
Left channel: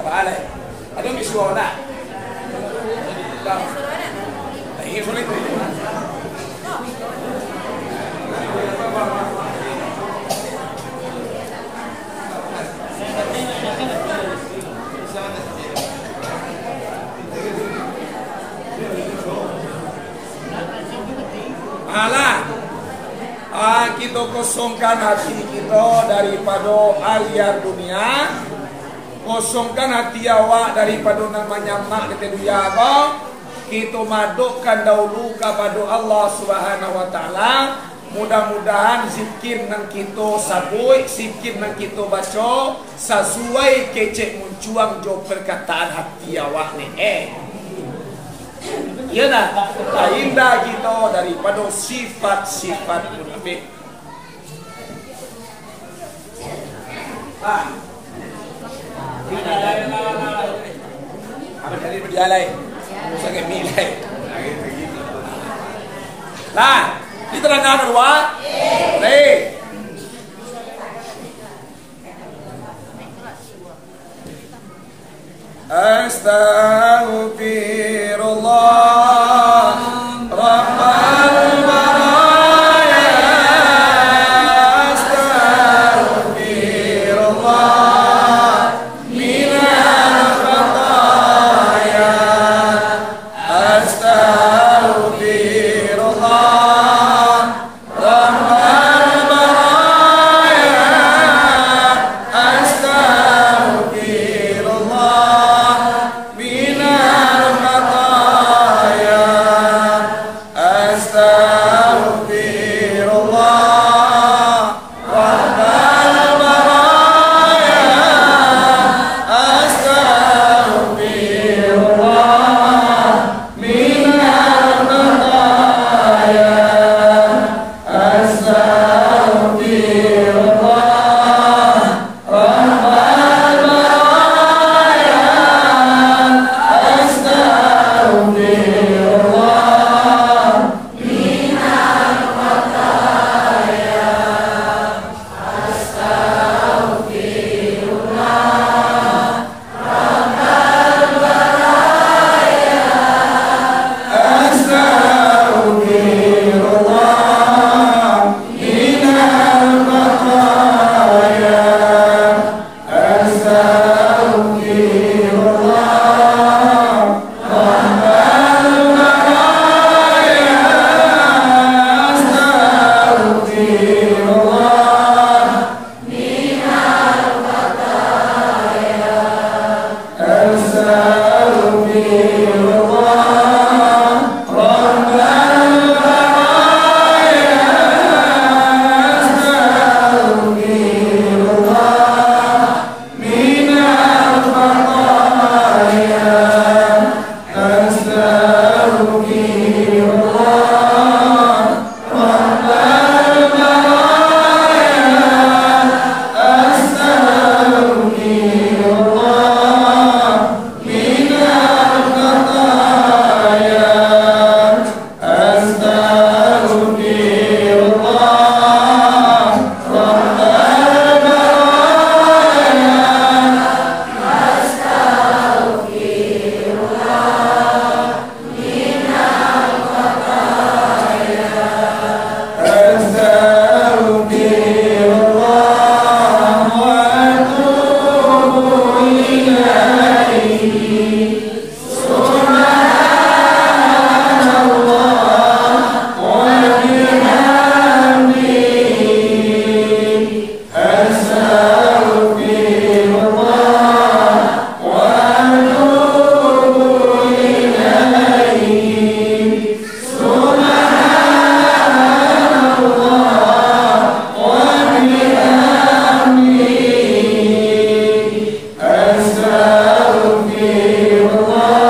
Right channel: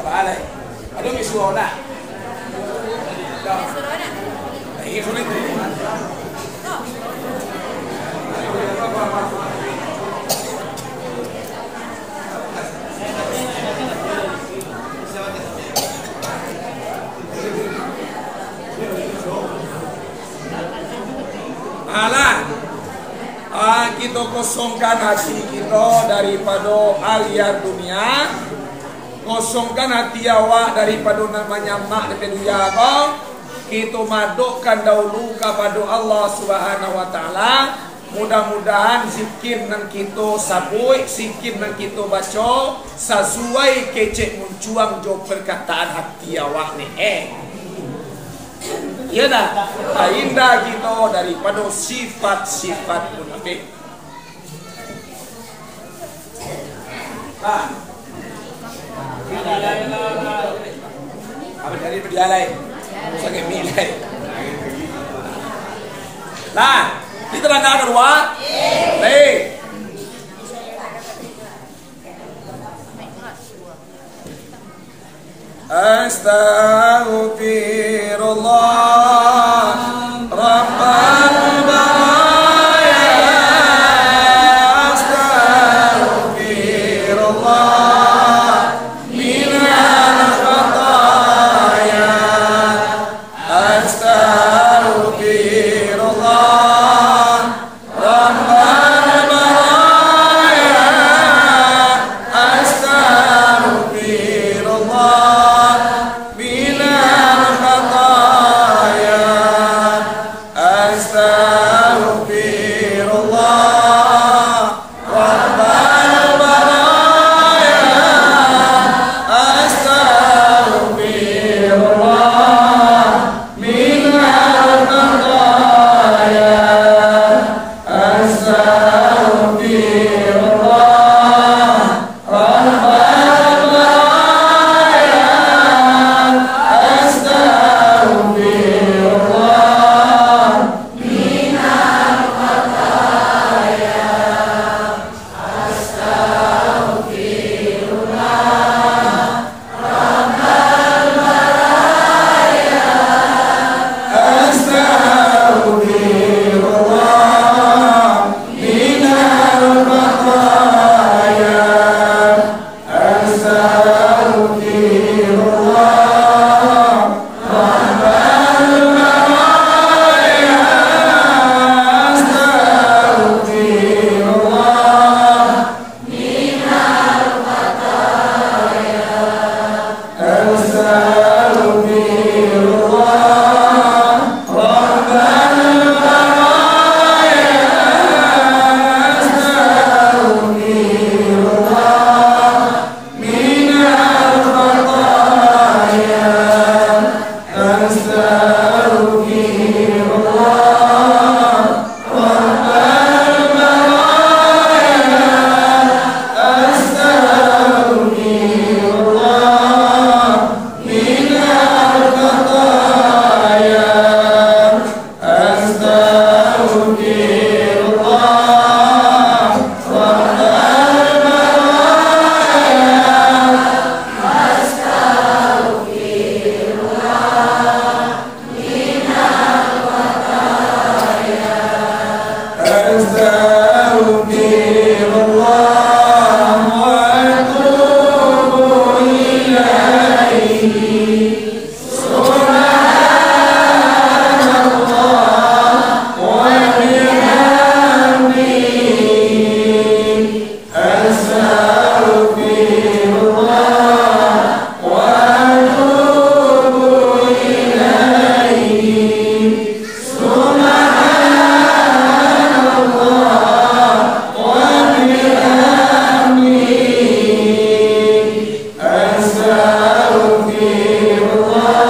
apa alai? Ada misuana. Ini sulit. Alah, kita kosongkan hati kita daripada aliar dunia, kosongkan hati awak daripada namanya mak di dunia kau. Kita madukkan dahulu kepada Allah Subhanahu wa taala. Mudah-mudahan zikir nang kita sabui, zikir nang kita baca sesuai kecek muncuang jo perkataan hati awak ni. Ya dah, indah kita daripada sifat-sifat munafik. Apa jadi berjalan? Sakit nilai. Lah, kita nak kedua. Baik. Astaghfirullah Rabbal baraya. Astaghfirullah minal khataya. Astaghfirullah Rabbal baraya. Astaghfirullah minal khataya. أستغفر الله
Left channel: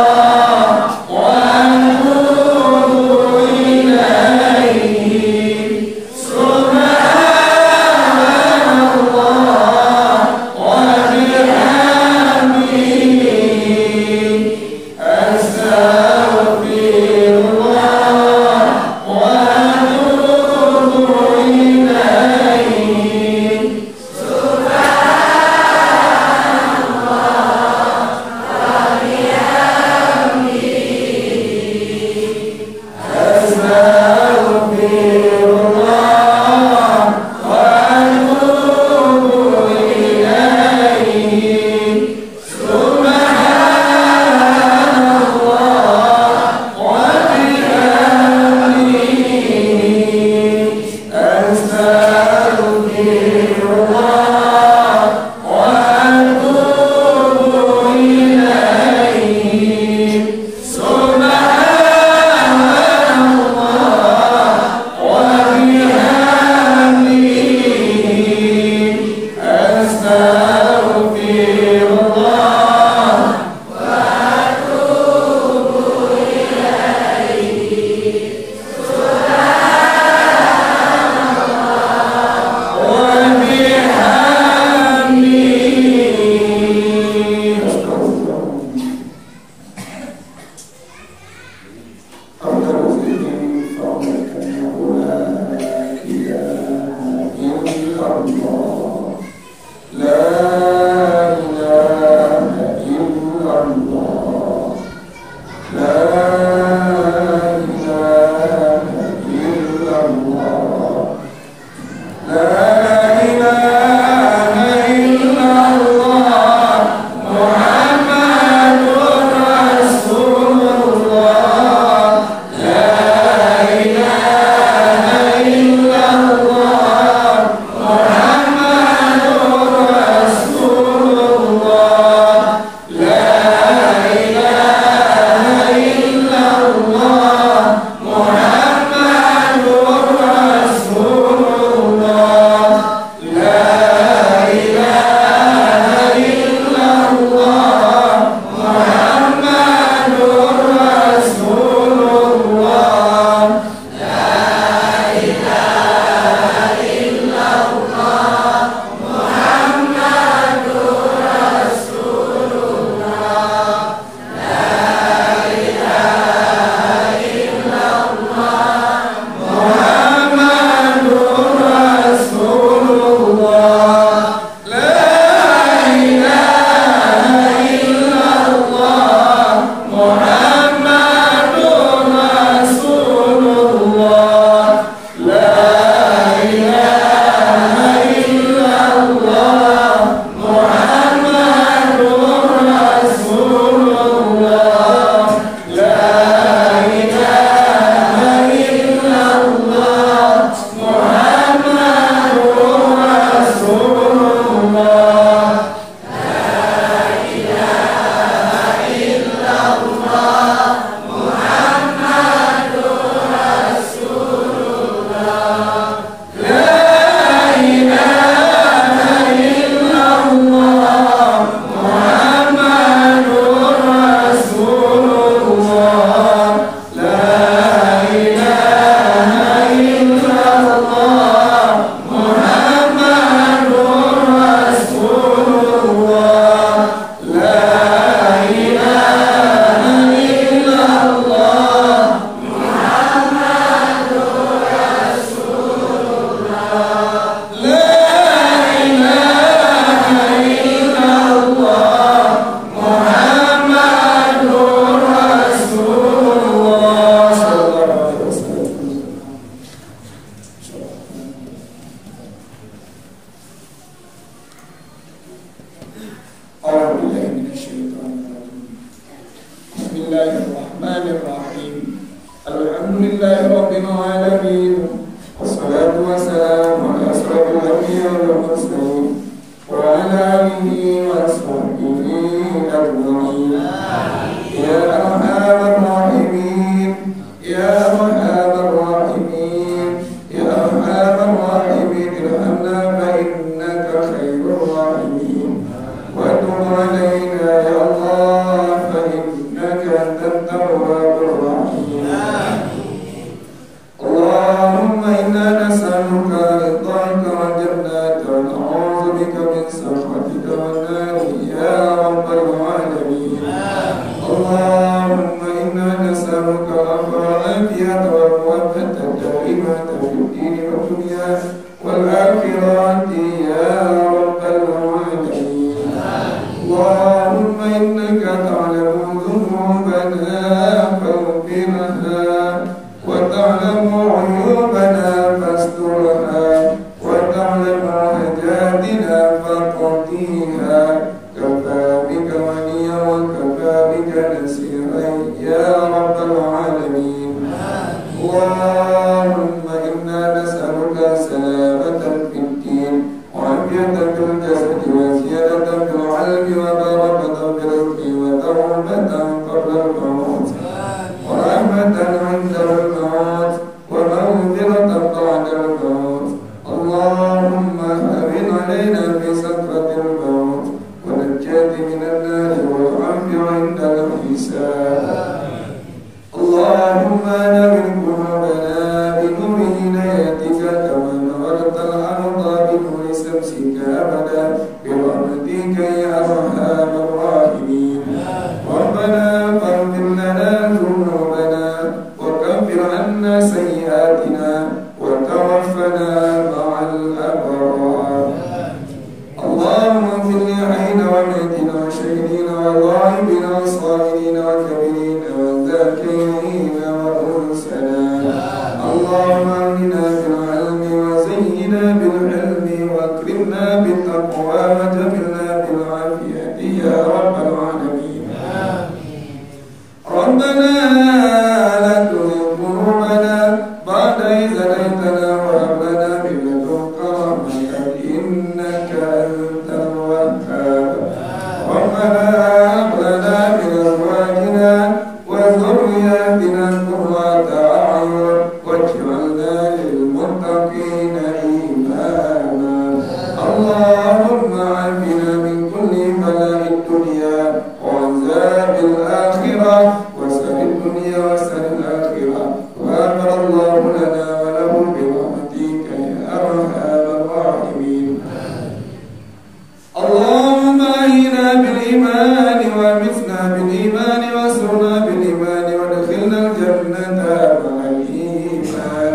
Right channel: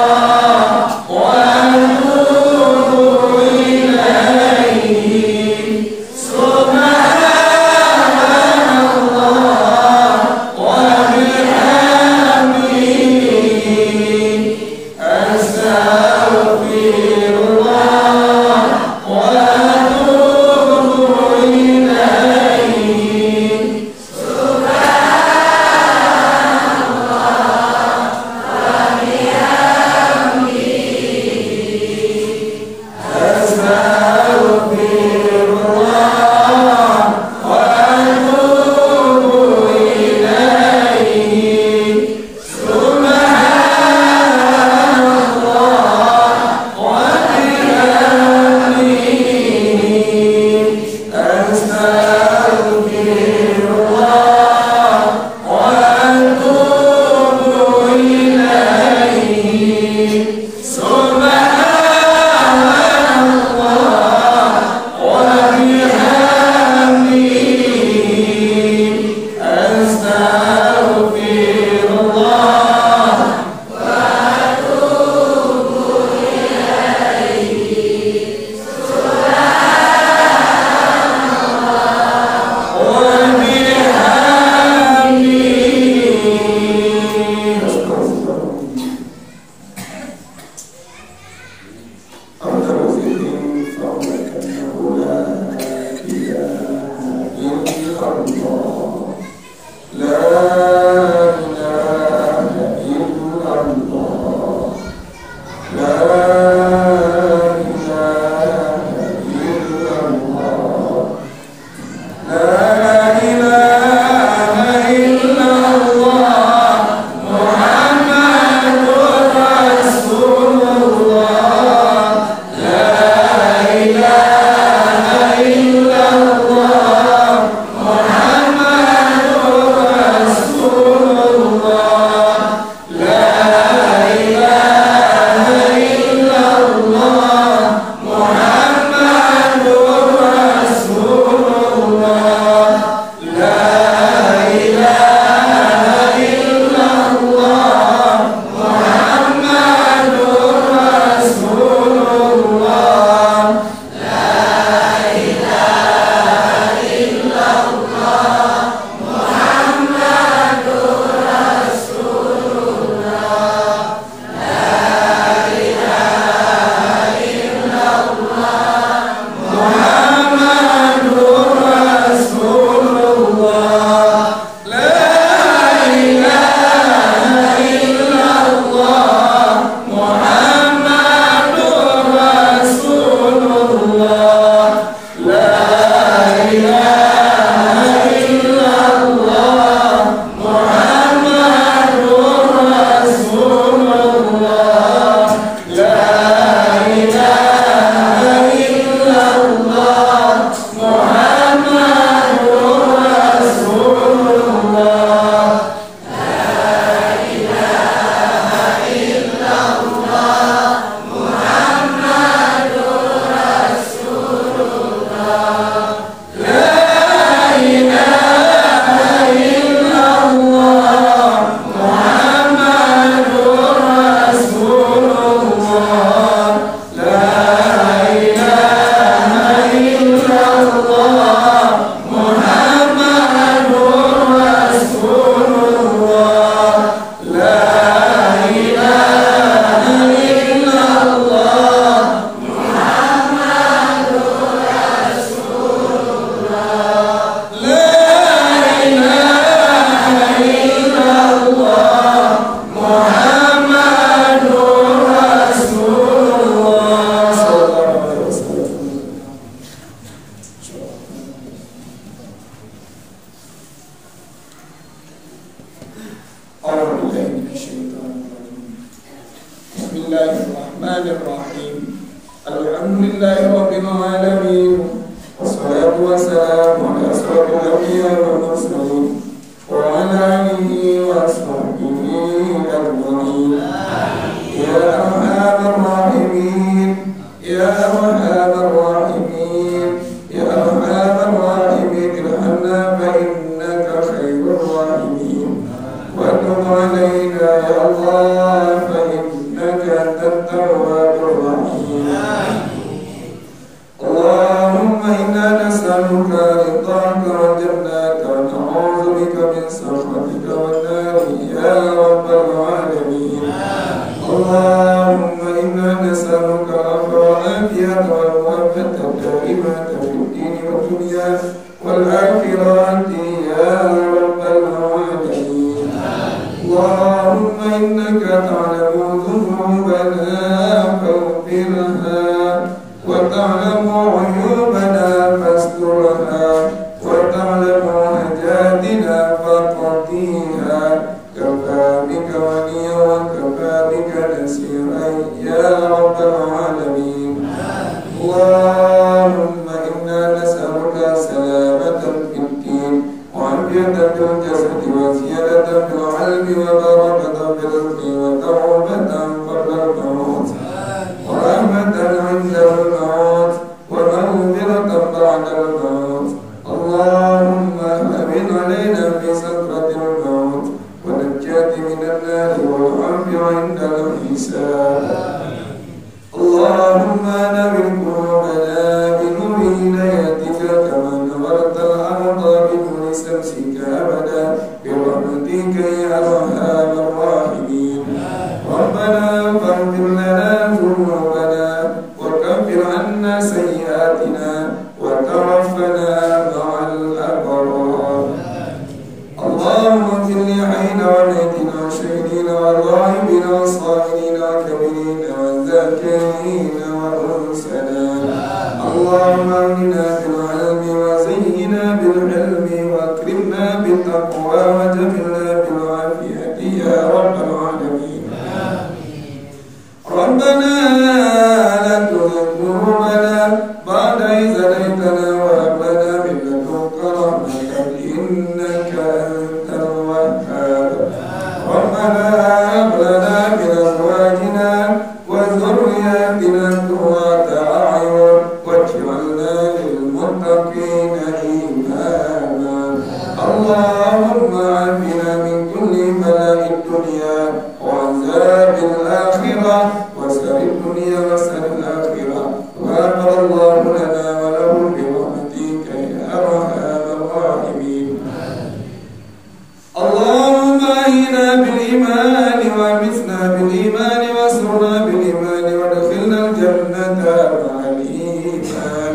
Bismillahirrahmanirrahim. Alhamdulillahi rabbil alamin. Wassalatu wassalamu ala asyrafil anbiya'i wal mursalin wa ala alihi wa ashabihi ajma'in. Ya arhamar rahimin, ya arhamar rahimin, ya arhamar rahimin, irhamna fa innaka khairur rahimin. Wa tub alaina ya Allah fa innaka antat tawwabur rahim. Allahumma inna nas'aluka ridhaka wal jannata wa na'udzu bika min sakhatika wan nar ya rabbal alamin. Allahumma inna nas'aluka al-afwa wal afiyata wal muwaffaqata daimata fid din wad dunya wal akhirati ya rabbal alamin. Allahumma innaka ta'lamu dhunubana faghfirha wa ta'lamu 'uyubana fasturha wa ta'lamu hajatina faqdiha. Kafa bika waliya wa kafa bika nasira ya rabbal alamin. Allahumma inna nas'aluka salamatan fid din wa 'afiyatan fil jasadi wa ziyadatan fil 'ilmi wa barakatan fil rizqi wa tawbatan qabla al-maut wa rahmatan 'inda al-maut wa maghfiratan ba'da al-maut. Allahumma habib 'alaina fi sakratil maut wa najjati minan nar wal 'afiyati 'inda al-hisab. Allahumma nawwir qulubana bi nuri hidayatika kama nawwarta al-arda bi nuri shamsika abada bi rahmatika ya arhamar rahimin. Rabbana faghfir lana dhunubana wa kaffir 'anna sayyi'atina wa tawaffana ma'al abrar. Allahumma ighfir li hayyina wa mayyitina wa shahidina wa ghaibina wa sabirina wa kabirina wa zakirina wa unsana. Allahumma aghna bil 'ilmi wa zayyina bil 'ilmi wa akrimna bit taqwa wa jamilna bil 'afiyati ya rabbal alamin. Rabbana la tuzigh qulubana ba'da idh hadaytana wa hab lana min ladunka rahmatan innaka antal wahhab. Rabbana hab lana min azwajina wa dhurriyyatina qurrata a'yun waj'alna lil muttaqina imama. Allahumma 'afina min kulli bala'id dunya wa 'adzabil akhirah wa sarrid dunya wa sarril akhirah. Ghafara Allahu lana wa lahum bi rahmatika ya arhamar rahimin. Allahumma ahyina bil iman wa amitna bil iman wa surna bil iman wa adkhilna al jannata ma'al iman.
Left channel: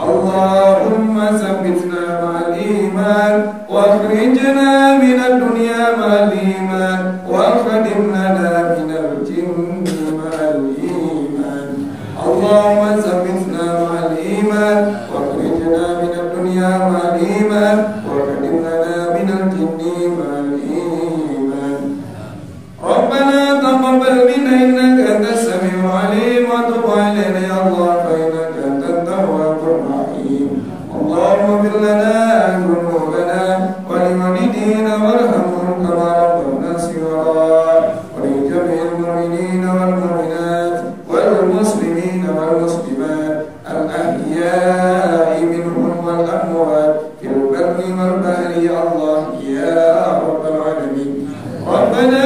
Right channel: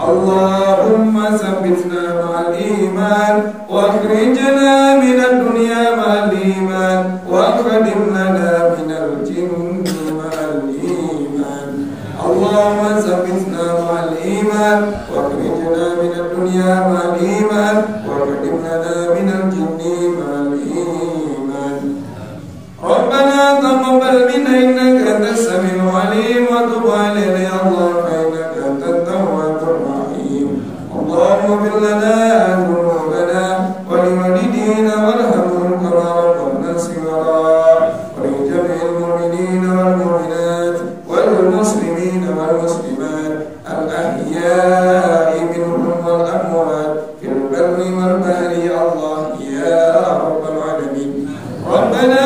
Allahumma thabbitna ma'al iman wa akhrijna min ad-dunya ma'al iman wa khadim lana min al-jinni ma'al iman. Allahumma thabbitna ma'al iman wa akhrijna min ad-dunya ma'al iman wa khadim lana min al-jinni ma'al iman. Rabbana taqabbal minna innaka antas samiul 'alim wa tub 'alaina ya Allah fa innaka antat tawwabur rahim. Allahumma ighfir lana dhunubana wa liwalidina warhamhum kama rabbawna shighara wa li jami'il mu'minina wal mu'minat wal muslimina wal muslimat al ahya'i minhum wal amwat fil barri wal bahri ya Allah ya rabbal alamin. Rabbana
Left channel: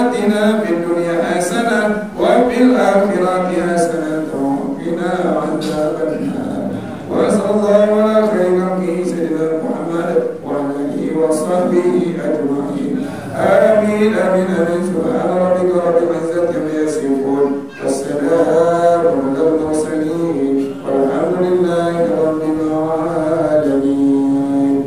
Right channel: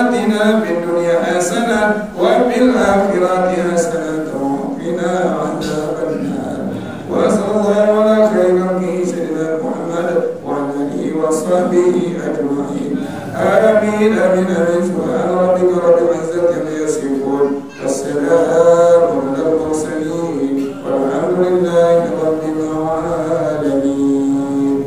atina fid dunya hasanah wa fil akhirati hasanah wa qina adzaban nar. Wa sallallahu ala khairi khalqihi sayyidina Muhammad wa ala alihi wa sahbihi ajma'in. Amin amin amin. Subhana rabbika rabbil izzati amma yasifun. Wassalamun alal mursalin walhamdulillahi rabbil alamin.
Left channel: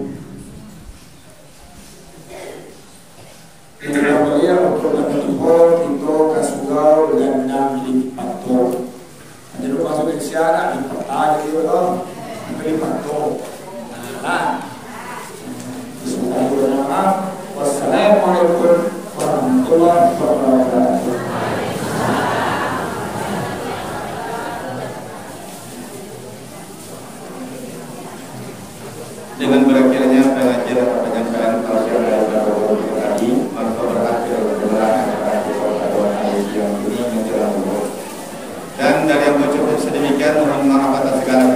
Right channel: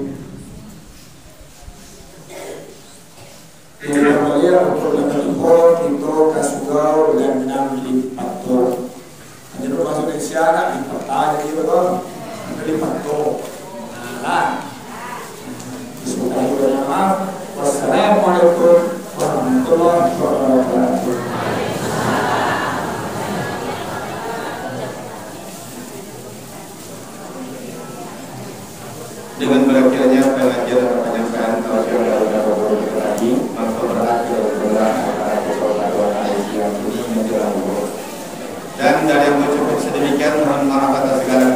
Ini namanya untuk menentukan itu kasugau dan lipat to. Jadi lu masuk ke siaga lipat aja gitu toh. Lipat to. Nah. Wassalamualaikum warahmatullahi wabarakatuh. Demikian mohon maaf atas segala